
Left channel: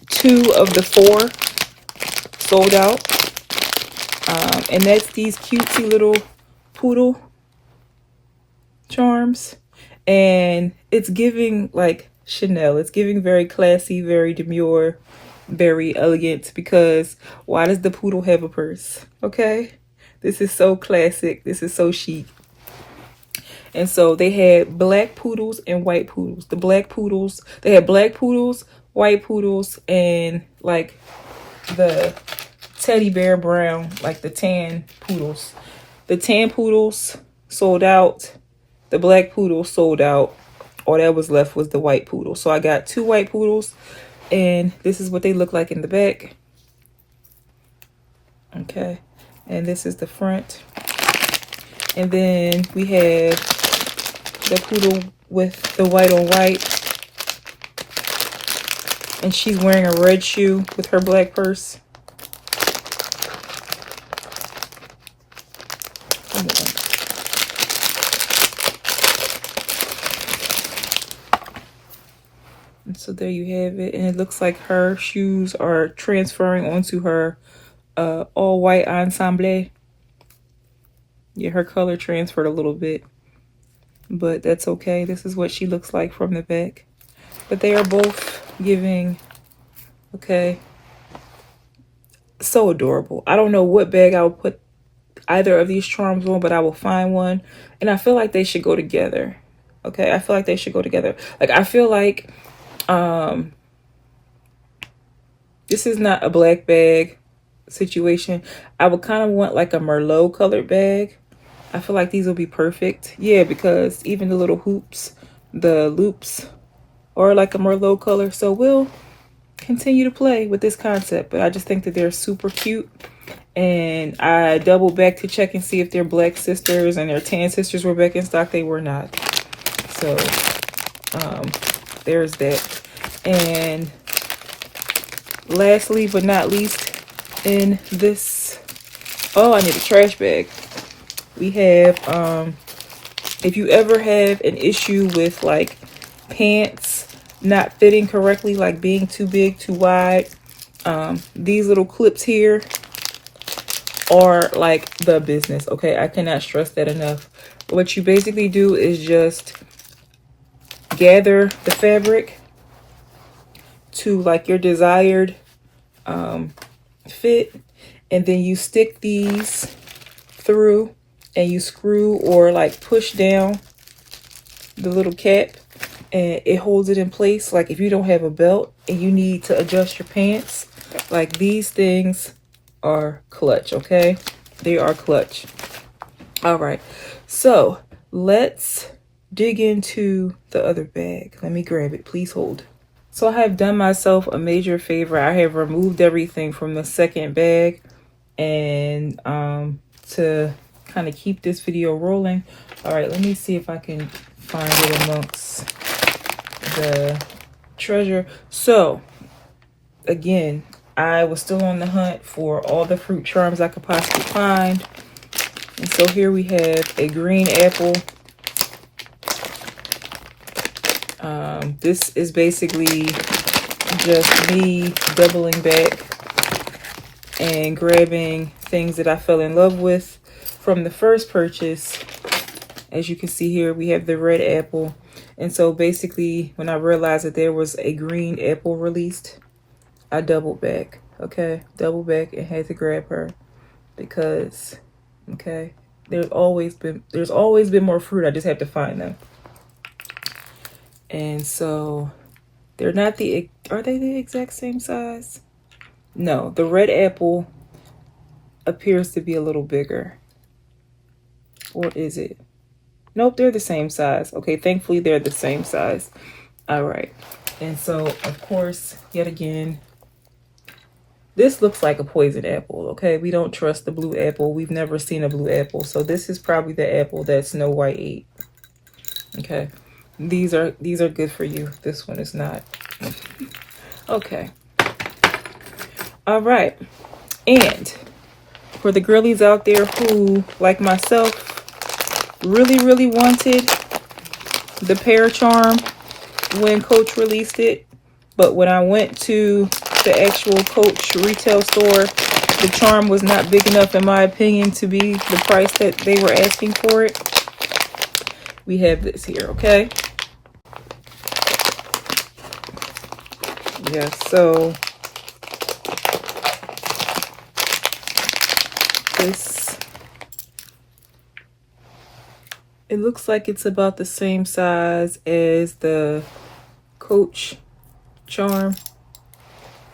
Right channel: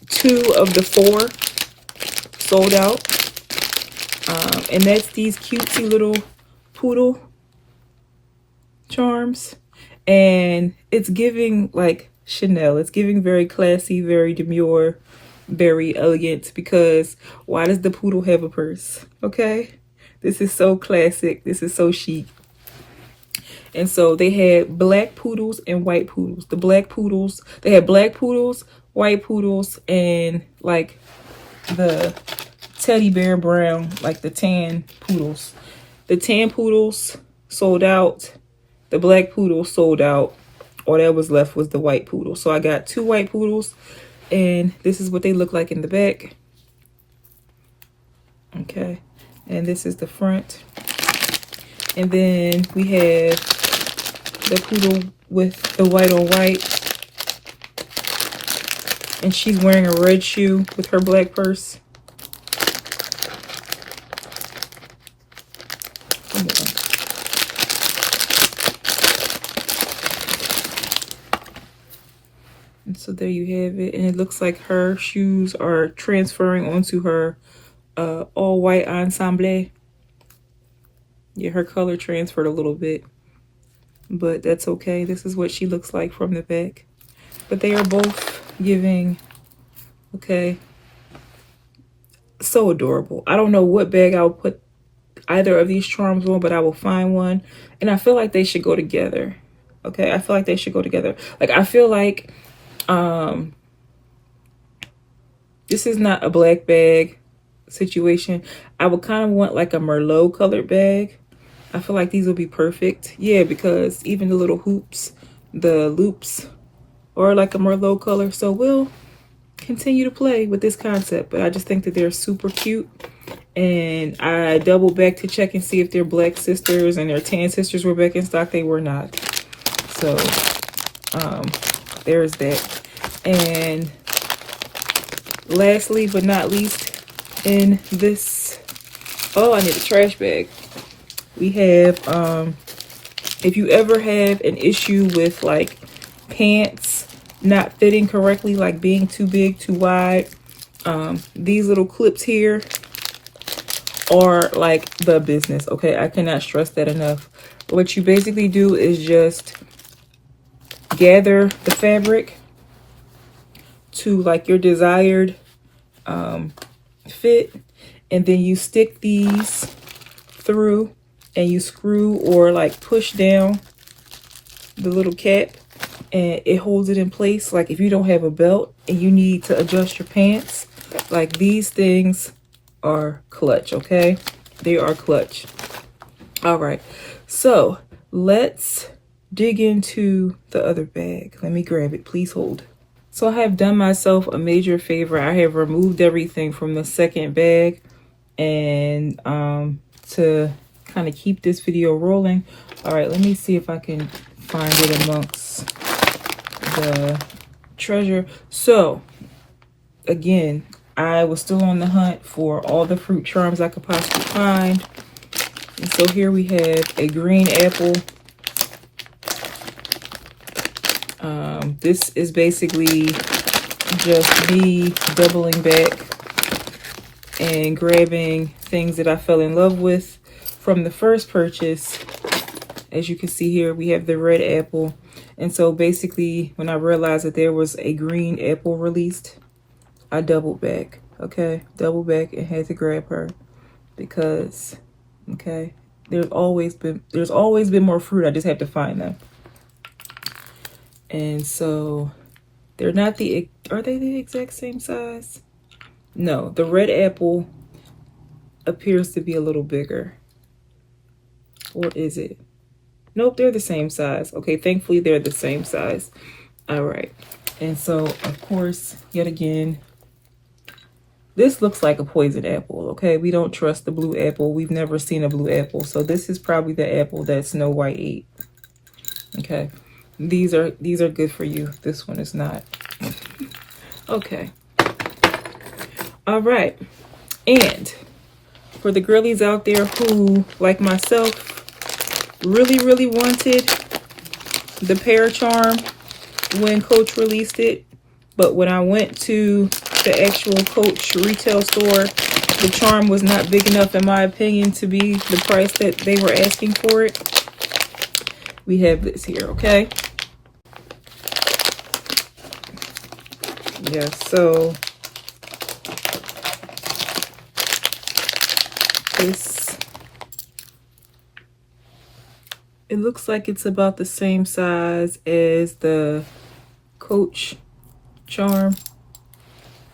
2 of the 4 sold out. And that's these cutesy little poodle charms, and it's giving like Chanel. It's giving very classy, very demure, very elegant, because why does the poodle have a purse? Okay, this is so classic. This is so chic. And so they had black poodles and white poodles. The black poodles, they had black poodles white poodles and like the teddy bear brown, like the tan poodles. The tan poodles sold out. The black poodle sold out. All that was left was the white poodle. So I got 2 white poodles, and this is what they look like in the back. Okay, and this is the front. And then we have the poodle with the white on white. And she's wearing a red shoe with her black purse. And so there you have it. And it looks like her shoes are transferring onto her all white ensemble. Yeah, her color transferred a little bit, but that's okay. This is what she looks like from the back. But they are both giving, okay, so adorable. I don't know what bag I would put either of these charms on, but I will find one. And I feel like they should go together. Okay, I feel like they should go together. Like, I feel like this is not a black bag situation. I would kind of want like a Merlot colored bag. I feel like these will be perfect. Yeah, because even the little hoops, the loops are like a Merlot color. So we'll continue to play with this concept, but I just think that they're super cute. And I doubled back to check and see if their black sisters and their tan sisters were back in stock. They were not. So there's that. And lastly but not least, in this, oh, I need a trash bag. We have, if you ever have an issue with like pants not fitting correctly, like being too big, too wide, these little clips here are like the business. Okay, I cannot stress that enough. What you basically do is just gather the fabric to like your desired fit, and then you stick these through and you screw or like push down the little cap, and it holds it in place. Like if you don't have a belt and you need to adjust your pants, like these things are clutch. Okay, they are clutch. All right, so let's dig into the other bag. Let me grab it. Please hold. So I have done myself a major favor. I have removed everything from the second bag, and to kind of keep this video rolling. All right, let me see if I can find it amongst the treasure. So again, I was still on the hunt for all the fruit charms I could possibly find. And so here we have a green apple. This is basically just me doubling back and grabbing things that I fell in love with from the first purchase. As you can see here, we have the red apple. And so basically, when I realized that there was a green apple released, I doubled back. Okay, doubled back and had to grab her because, okay, there's always been more fruit. I just have to find them. And so they're not are they the exact same size? No, the red apple appears to be a little bigger. Or is it? Nope, they're the same size. Okay, thankfully they're the same size. All right. And so, of course, yet again, this looks like a poison apple. Okay, we don't trust the blue apple. We've never seen a blue apple. So this is probably the apple that Snow White ate. Okay. These are good for you. This one is not. Okay. All right. And for the girlies out there who, like myself, really wanted the pear charm when Coach released it, but when I went to the actual Coach retail store, the charm was not big enough, in my opinion, to be the price that they were asking for it. We have this here, okay? Yeah, so this, it looks like it's about the same size as the Coach charm.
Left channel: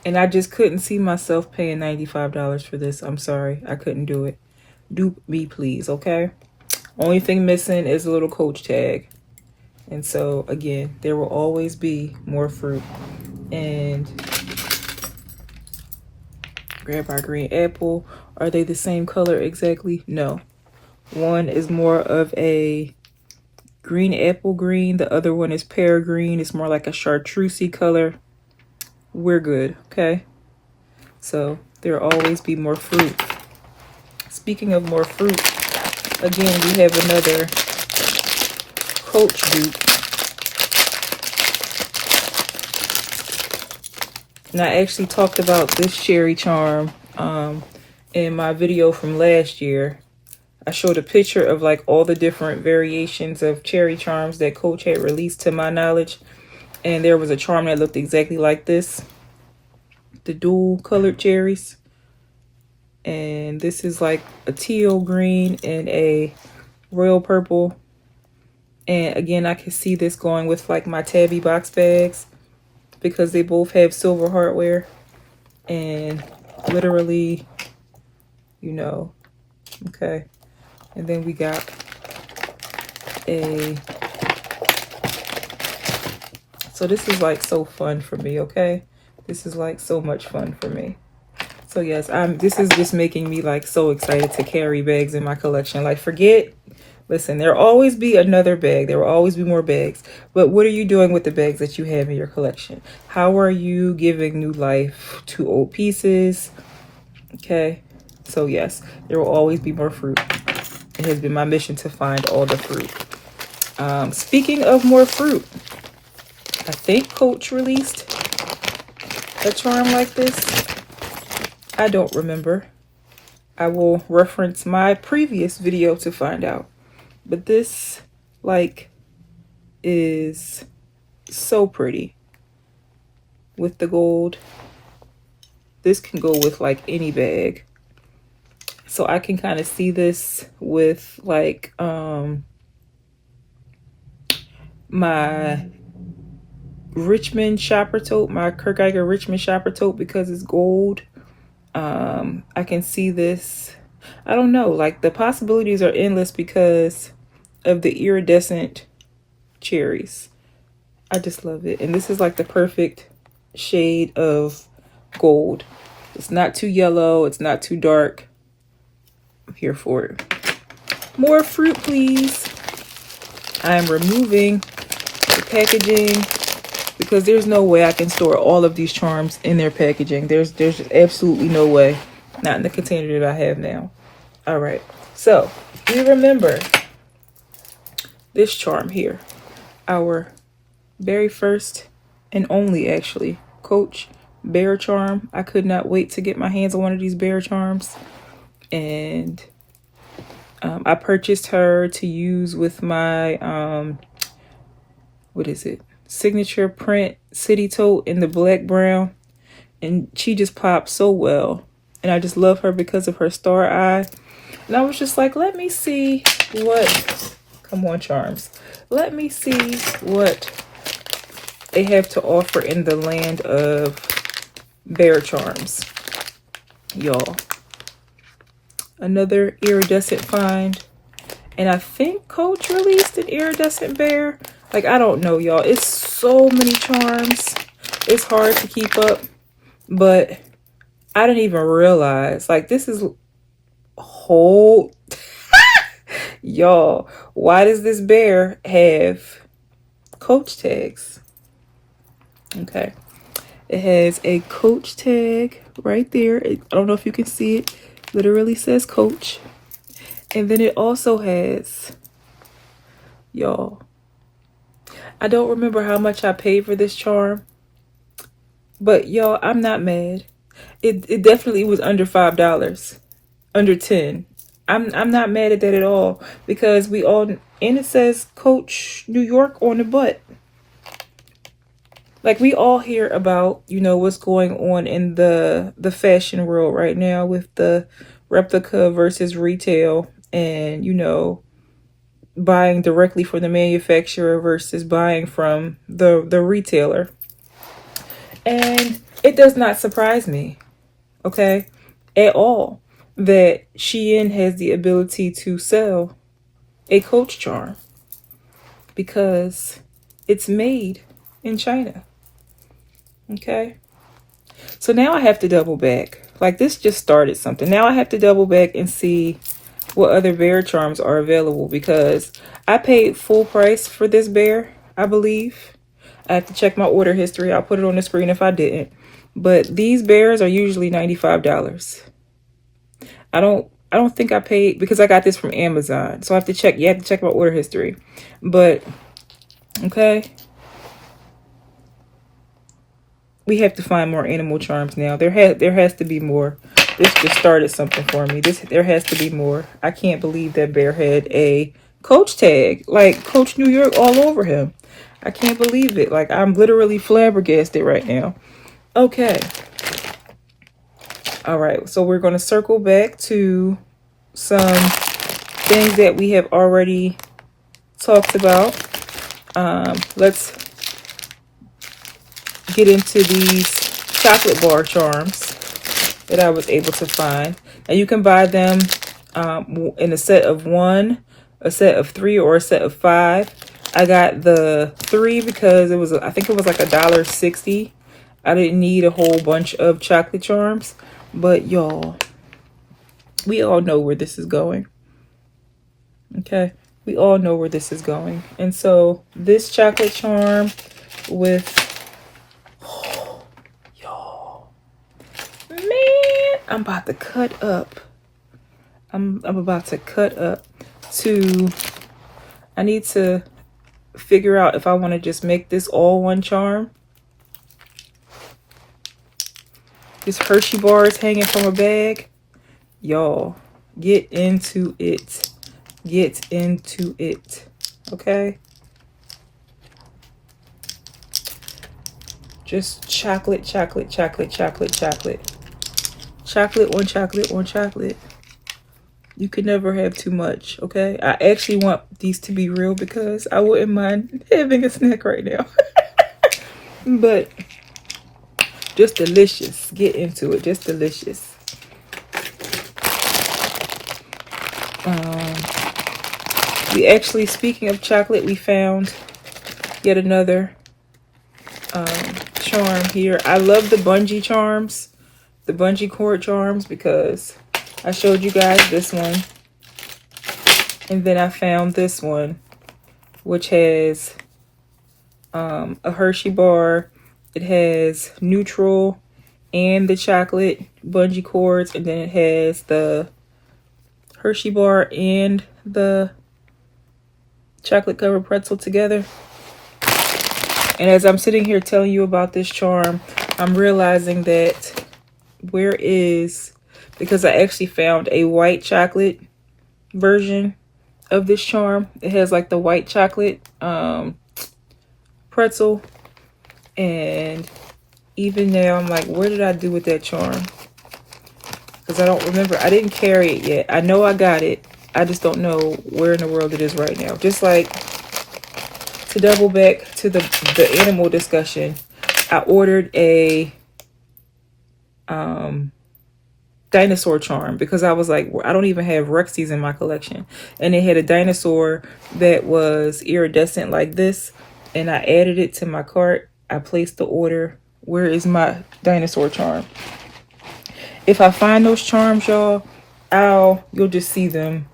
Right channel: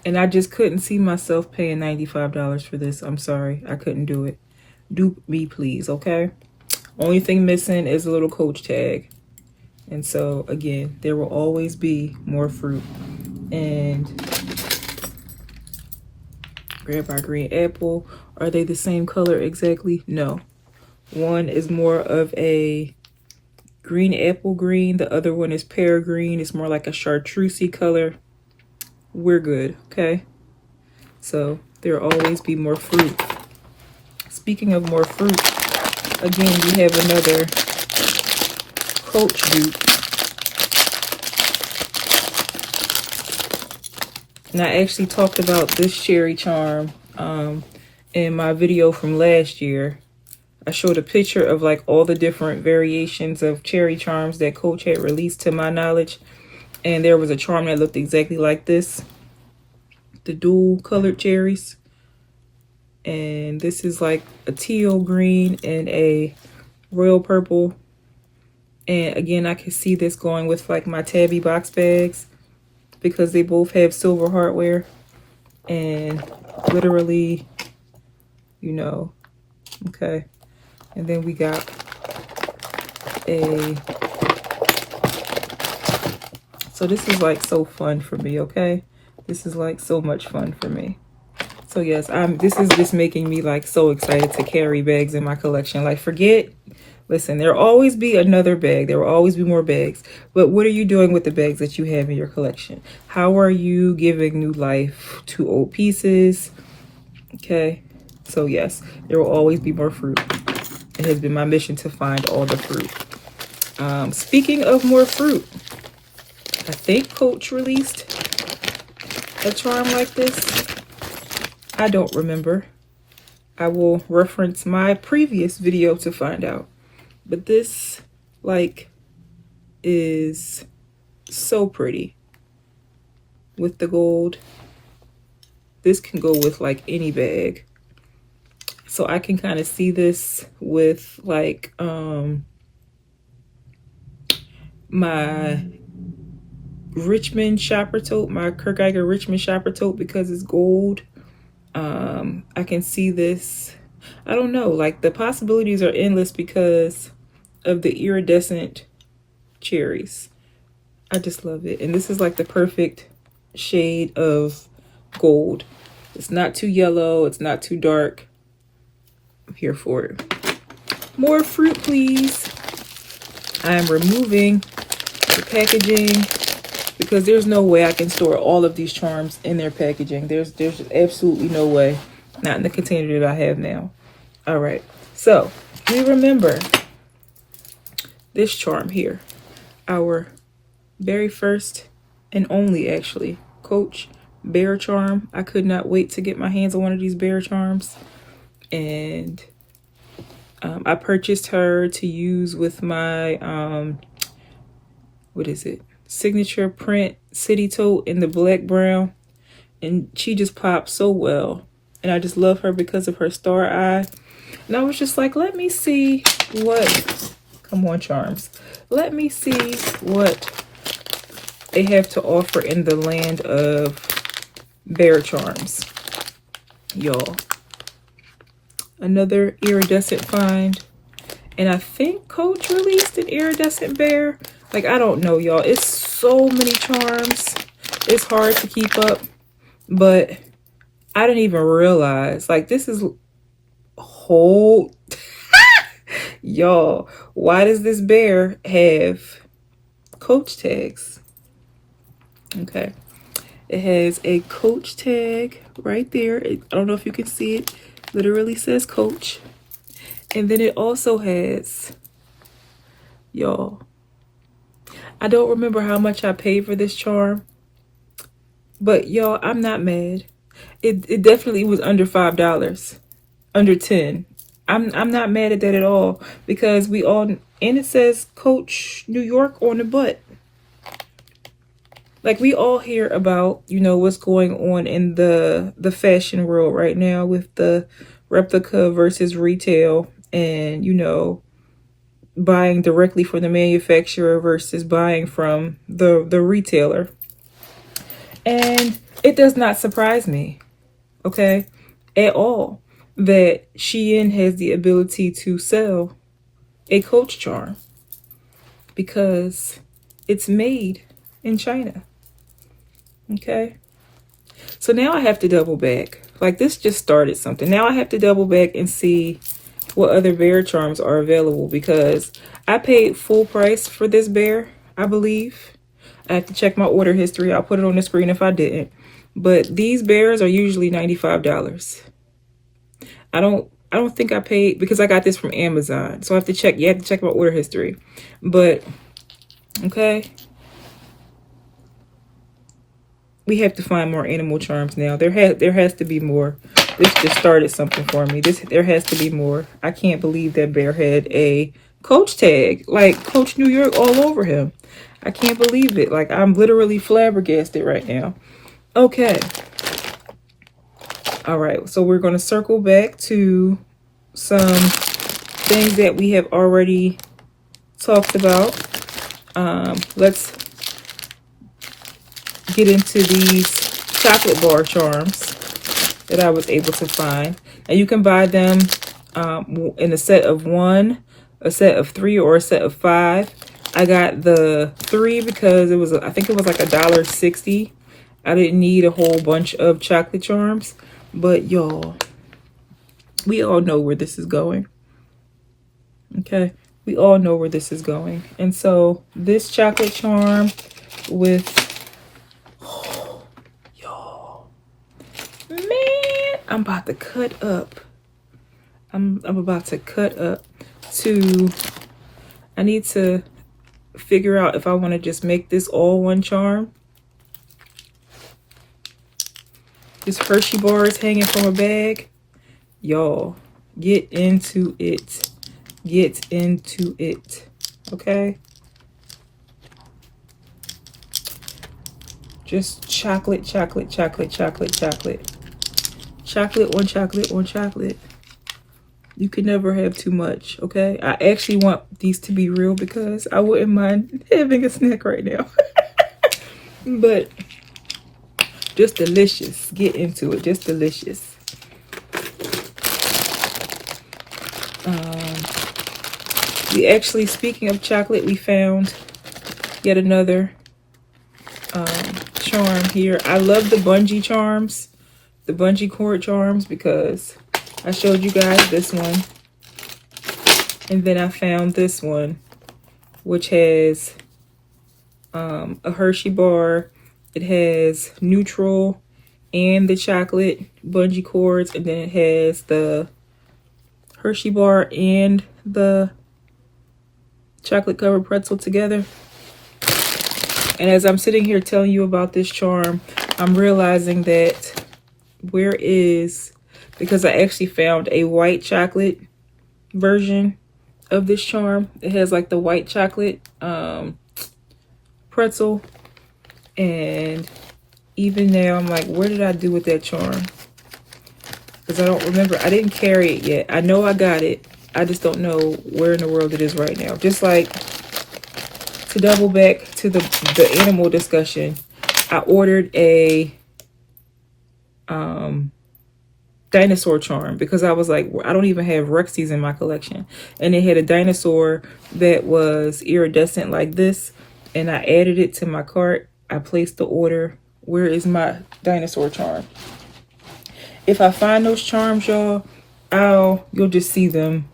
And I just couldn't see myself paying $95 for this. I'm sorry. I couldn't do it. Dupe me, please, okay? Only thing missing is a little Coach tag. And so, again, there will always be more fruit. And grab our green apple. Are they the same color exactly? No. One is more of a green apple green. The other one is pear green. It's more like a chartreusey color. We're good, okay? So there'll always be more fruit. Speaking of more fruit, again, we have another Coach dupe. And I actually talked about this cherry charm in my video from last year. I showed a picture of like all the different variations of cherry charms that Coach had released to my knowledge. And there was a charm that looked exactly like this. The dual colored cherries. And this is like a teal green and a royal purple. And again, I can see this going with like my Tabby box bags because they both have silver hardware. And literally, you know, okay. And then we got a... So this is like so fun for me, okay? This is like so much fun for me. So yes, this is just making me like so excited to carry bags in my collection. Like listen, there'll always be another bag. There will always be more bags. But what are you doing with the bags that you have in your collection? How are you giving new life to old pieces? Okay, so yes, there will always be more fruit. It has been my mission to find all the fruit. Speaking of more fruit, I think Coach released a charm like this. I don't remember. I will reference my previous video to find out. But this, like, is so pretty with the gold. This can go with, like, any bag. So I can kind of see this with, like, my Richmond shopper tote, my Kurt Geiger Richmond shopper tote, because it's gold. I can see this, I don't know, like the possibilities are endless because of the iridescent cherries. I just love it. And this is like the perfect shade of gold. It's not too yellow, it's not too dark. I'm here for it. More fruit, please. I am removing the packaging because there's no way I can store all of these charms in their packaging. There's just absolutely no way. Not in the container that I have now. All right. So, we remember this charm here. Our very first and only, actually, Coach bear charm. I could not wait to get my hands on one of these bear charms. And I purchased her to use with my, what is it? Signature print city tote in the black brown. And she just popped so well. And I just love her because of her star eye. And I was just like, let me see what, come on charms. Let me see what they have to offer in the land of bear charms. Y'all. Another iridescent find. And I think Coach released an iridescent bear. Like, I don't know, y'all. It's so many charms. It's hard to keep up. But I didn't even realize. Like, this is whole... Y'all, why does this bear have Coach tags? Okay. It has a Coach tag right there. I don't know if you can see it. Literally says Coach. And then it also has, y'all, I don't remember how much I paid for this charm, but y'all, I'm not mad. It definitely was under $5, under 10. I'm not mad at that at all because we all, and it says Coach New York on the butt. Like, we all hear about, you know, what's going on in the fashion world right now with the replica versus retail and, you know, buying directly from the manufacturer versus buying from the retailer. And it does not surprise me, okay, at all, that SHEIN has the ability to sell a Coach charm because it's made in China. Okay. So now I have to double back. Like, this just started something. Now I have to double back and see what other bear charms are available, because I paid full price for this bear, I believe. I have to check my order history. I'll put it on the screen if I didn't. But these bears are usually $95. I don't think I paid, because I got this from Amazon. So I have to check. You have to check my order history. But okay. We have to find more animal charms now. There has to be more. This just started something for me. There has to be more. I can't believe that bear had a Coach tag, like Coach New York all over him. I can't believe it. Like, I'm literally flabbergasted right now. Okay. All right. So we're going to circle back to some things that we have already talked about. Let's get into these chocolate bar charms that I was able to find. And you can buy them in a set of 1, a set of 3, or a set of 5. I got the 3 because it was, I think it was like $1.60. I didn't need a whole bunch of chocolate charms, but y'all, we all know where this is going. Okay, we all know where this is going. And so this chocolate charm with, I'm about to cut up. I'm about to cut up to, I need to figure out if I want to just make this all one charm. This Hershey bar is hanging from a bag. Y'all, get into it. Get into it. Okay? Just chocolate, chocolate, chocolate, chocolate, chocolate. Chocolate on chocolate on chocolate. You can never have too much, okay? I actually want these to be real because I wouldn't mind having a snack right now. But just delicious. Get into it. Just delicious. We actually, speaking of chocolate, we found yet another charm here. I love the bungee charms. The bungee cord charms, because I showed you guys this one, and then I found this one, which has a Hershey bar. It has neutral and the chocolate bungee cords, and then it has the Hershey bar and the chocolate covered pretzel together. And as I'm sitting here telling you about this charm, I'm realizing that because I actually found a white chocolate version of this charm. It has like the white chocolate pretzel, and even now I'm like, where did I do with that charm? Because I don't remember. I didn't carry it yet. I know I got it. I just don't know where in the world it is right now. Just like, to double back to the animal discussion, I ordered a dinosaur charm because I was like, I don't even have Rexies in my collection, and it had a dinosaur that was iridescent like this, and I added it to my cart. I placed the order. Where is my dinosaur charm? If I find those charms, y'all, you'll just see them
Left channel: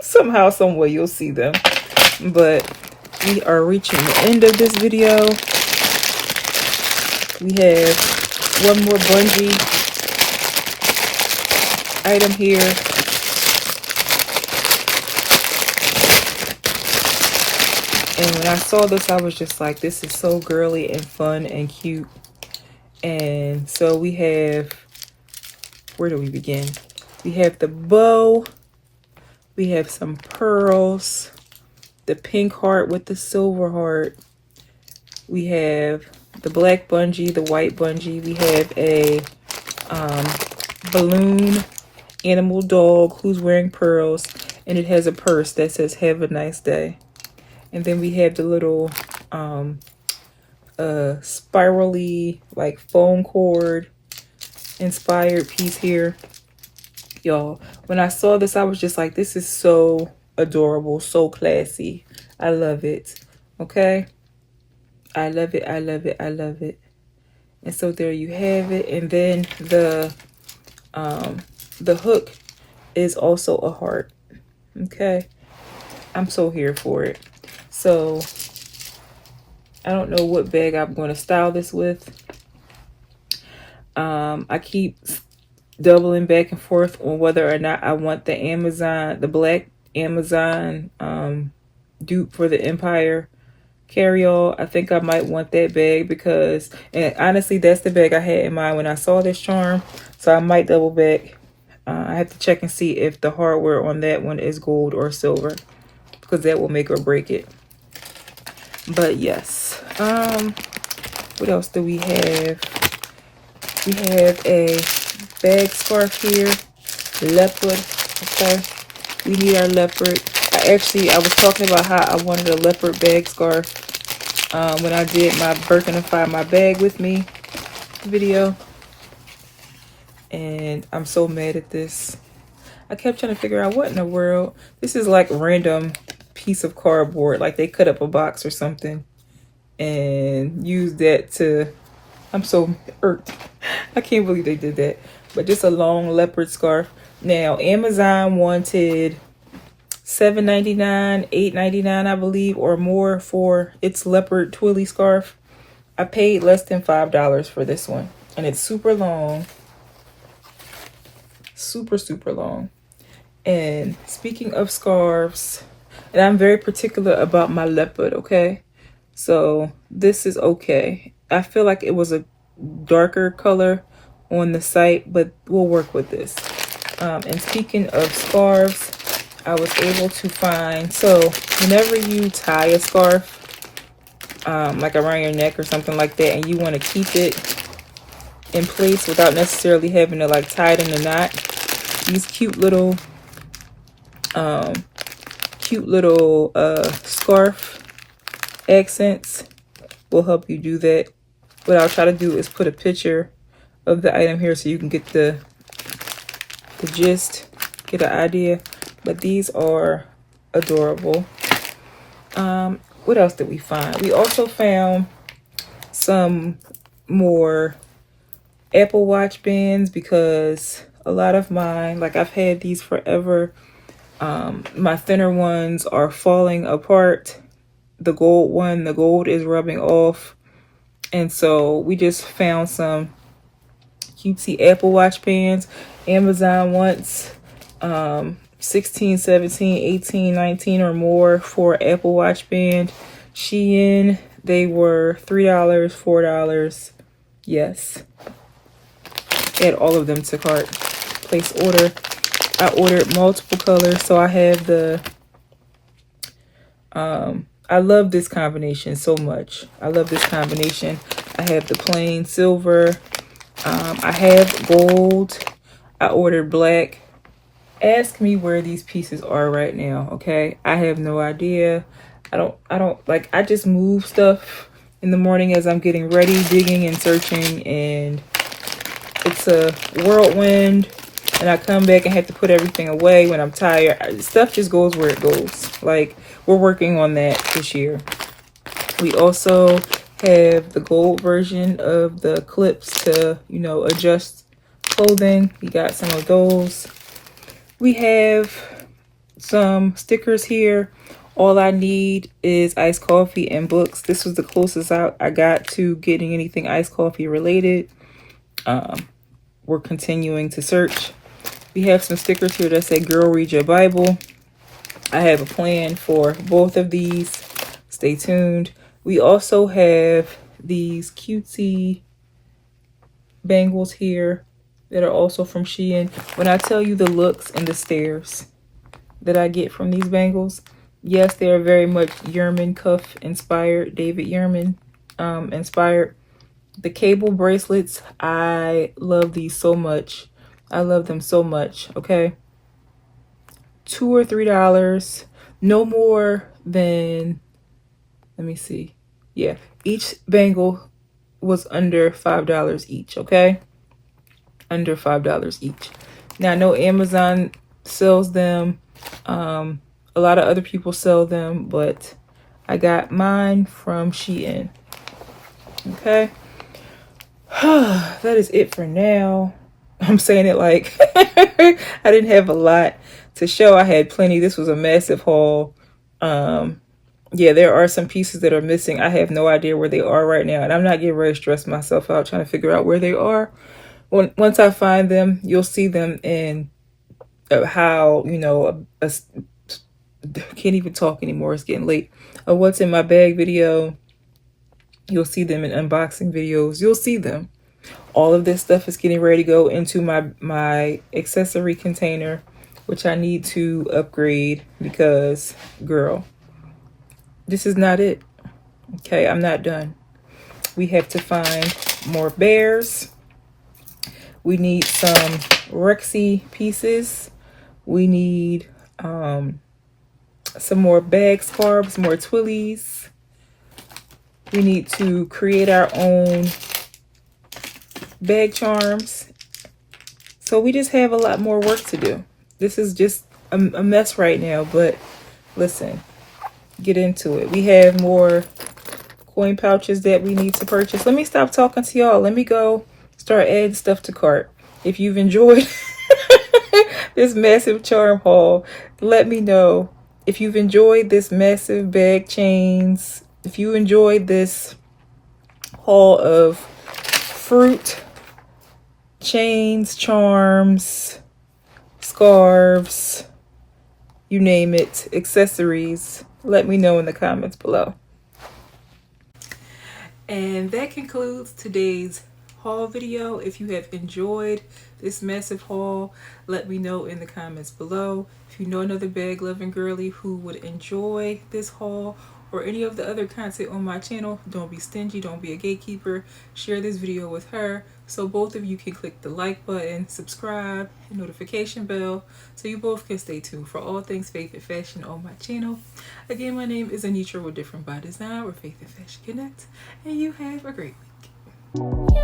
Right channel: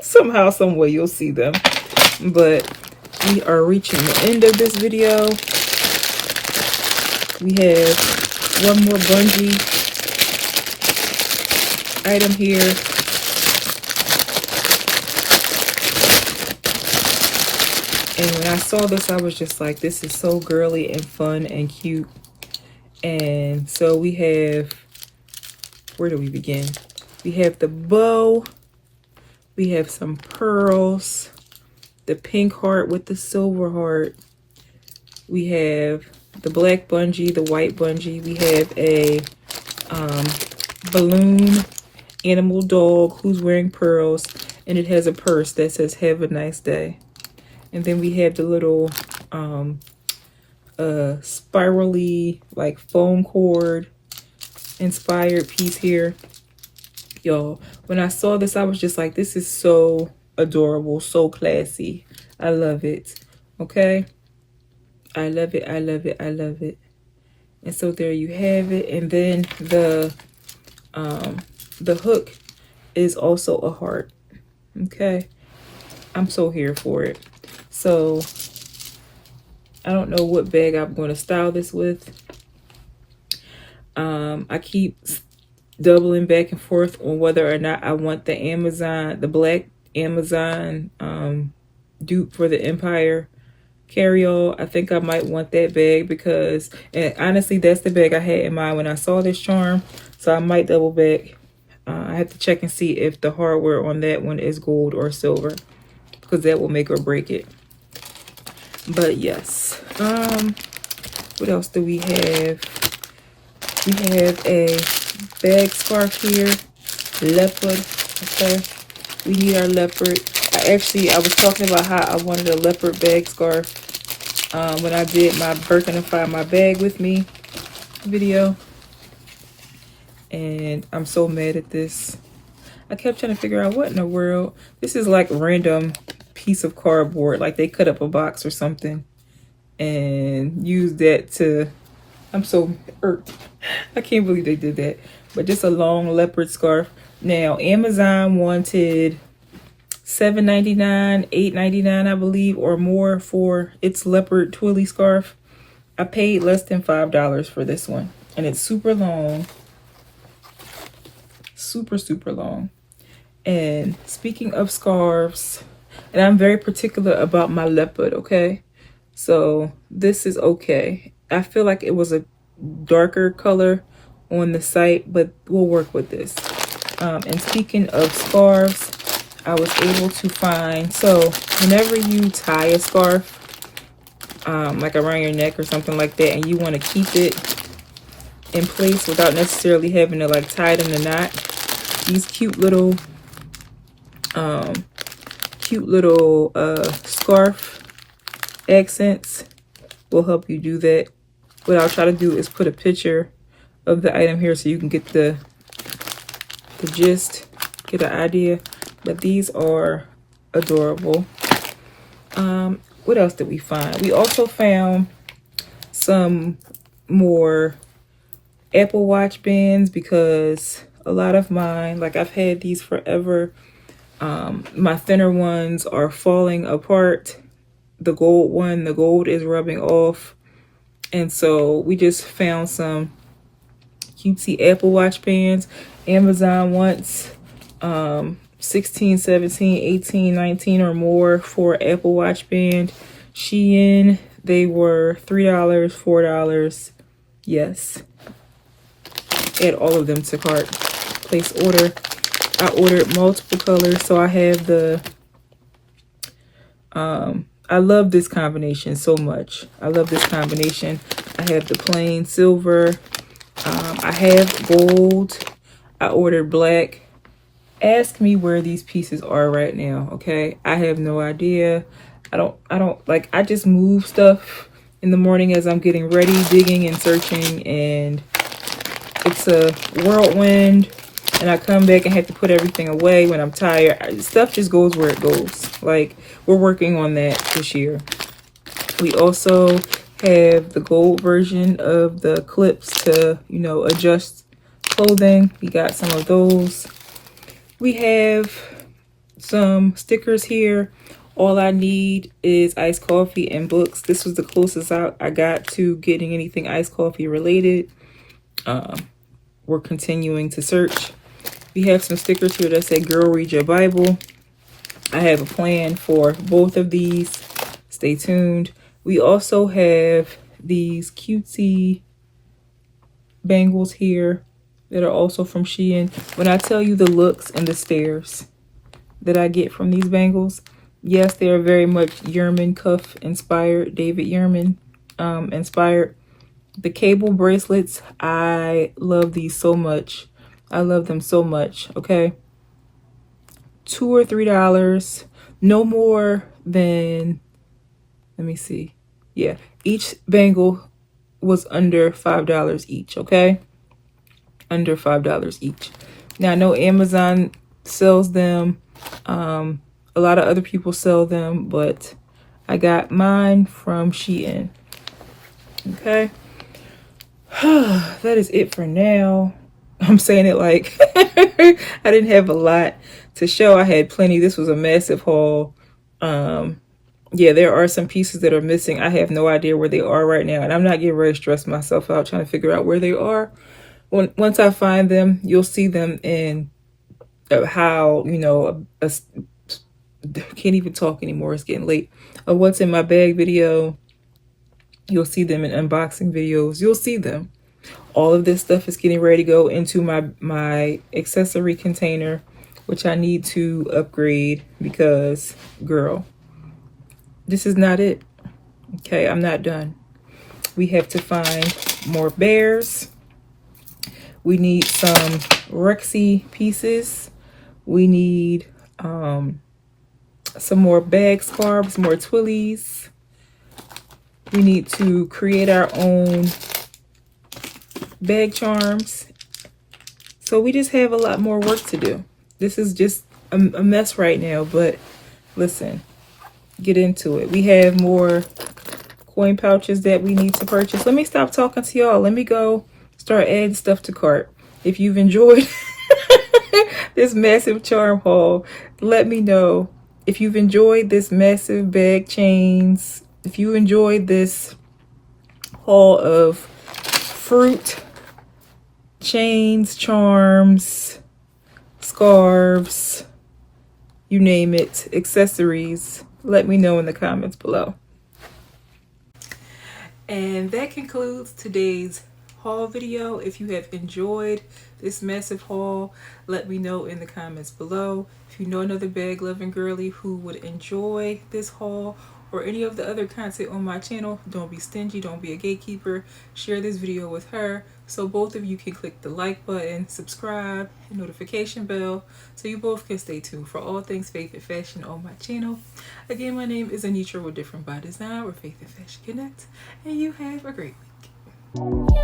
somehow, some way you'll see them. But we are reaching the end of this video. We have one more bungee item here. And when I saw this, I was just like, this is so girly and fun and cute. And so we have, where do we begin? We have the bow. We have some pearls. The pink heart with the silver heart. We have the black bungee, the white bungee. We have a balloon animal dog who's wearing pearls, and it has a purse that says "Have a nice day." And then we have the little spirally like foam cord inspired piece here. Y'all, when I saw this, I was just like, this is so adorable, so classy. I love it. Okay, I love it, I love it, I love it. And so there you have it. And then the hook is also a heart. Okay, I'm so here for it. So I don't know what bag I'm going to style this with. I keep doubling back and forth on whether or not I want the black Amazon dupe for the Empire carry-all. I think I might want that bag because, and honestly, that's the bag I had in mind when I saw this charm. So I might double back. I have to check and see if the hardware on that one is gold or silver, because that will make or break it. But yes, what else do we have? We have a bag scarf here, leopard. Okay, we need our leopard. I was talking about how I wanted a leopard bag scarf when I did my Birkenify my bag with me video, and I'm so mad at this. I kept trying to figure out what in the world. This is like random piece of cardboard, like they cut up a box or something and used that to, I'm so hurt. I can't believe they did that. But just a long leopard scarf. Now Amazon wanted $7.99, $8.99 I believe, or more for its leopard twilly scarf. I paid less than $5 for this one, and it's super long, super long. And speaking of scarves, and I'm very particular about my leopard, okay? So this is okay. I feel like it was a darker color on the site, but we'll work with this. And speaking of scarves, I was able to find, so whenever you tie a scarf, like around your neck or something like that, and you want to keep it in place without necessarily having to like tie it in a knot, these cute little scarf accents will help you do that. What I'll try to do is put a picture of the item here so you can get the gist, get an idea. But these are adorable. What else did we find? We also found some more Apple Watch bands, because a lot of mine, like I've had these forever, my thinner ones are falling apart. The gold is rubbing off. And so we just found some cutesy Apple Watch bands. Amazon wants 16, 17, 18, 19 or more for Apple Watch band. SHEIN, they were $3, $4. Yes. Add all of them to cart. Place order. I ordered multiple colors, so I have the I love this combination so much. I love this combination. I have the plain silver. I have gold. I ordered black. Ask me where these pieces are right now, okay? I have no idea. I don't like, I just move stuff in the morning as I'm getting ready, digging and searching, and it's a whirlwind, and I come back and have to put everything away when I'm tired. Stuff just goes where it goes. Like, we're working on that this year. We also have the gold version of the clips to, you know, adjust clothing. We got some of those. We have some stickers here. All I need is iced coffee and books. This was the closest I got to getting anything iced coffee related. We're continuing to search. We have some stickers here that say, "Girl, read your Bible." I have a plan for both of these. Stay tuned. We also have these cutesy bangles here that are also from SHEIN. When I tell you the looks and the stares that I get from these bangles, yes, they are very much Yerman cuff inspired, David Yerman inspired. The cable bracelets, I love these so much. I love them so much, okay? $2 or $3, no more than, let me see. Yeah, Each bangle was under $5 each, okay? Under $5 each. Now, I know Amazon sells them. A lot of other people sell them, but I got mine from SHEIN. Okay. That is it for now. I'm saying it like I didn't have a lot to show. I had plenty. This was a massive haul. Yeah, there are some pieces that are missing. I have no idea where they are right now, and I'm not getting ready to stress myself out trying to figure out where they are. Once I find them, you'll see them in how, you know, can't even talk anymore. It's getting late. A what's in my bag video. You'll see them in unboxing videos. You'll see them. All of this stuff is getting ready to go into my accessory container, which I need to upgrade because, girl, this is not it. Okay, I'm not done. We have to find more bears. We need some Rexy pieces. We need some more bag scarves, more twillies. We need to create our own bag charms. So we just have a lot more work to do. This is just a mess right now, but listen, get into it. We have more coin pouches that we need to purchase. Let me stop talking to y'all. Let me go start adding stuff to cart. If you've enjoyed this massive charm haul, let me know. If you've enjoyed this massive bag chains, if you enjoyed this haul of fruit, chains, charms, scarves, you name it, accessories, let me know in the comments below. And that concludes today's haul video. If you have enjoyed this massive haul, let me know in the comments below. If you know another bag loving girly who would enjoy this haul or any of the other content on my channel, don't be stingy, don't be a gatekeeper. Share this video with her so both of you can click the like button, subscribe, and notification bell so you both can stay tuned for all things faith and fashion on my channel. Again, my name is Annitra with Different by Design, where faith and fashion connect, and you have a great week.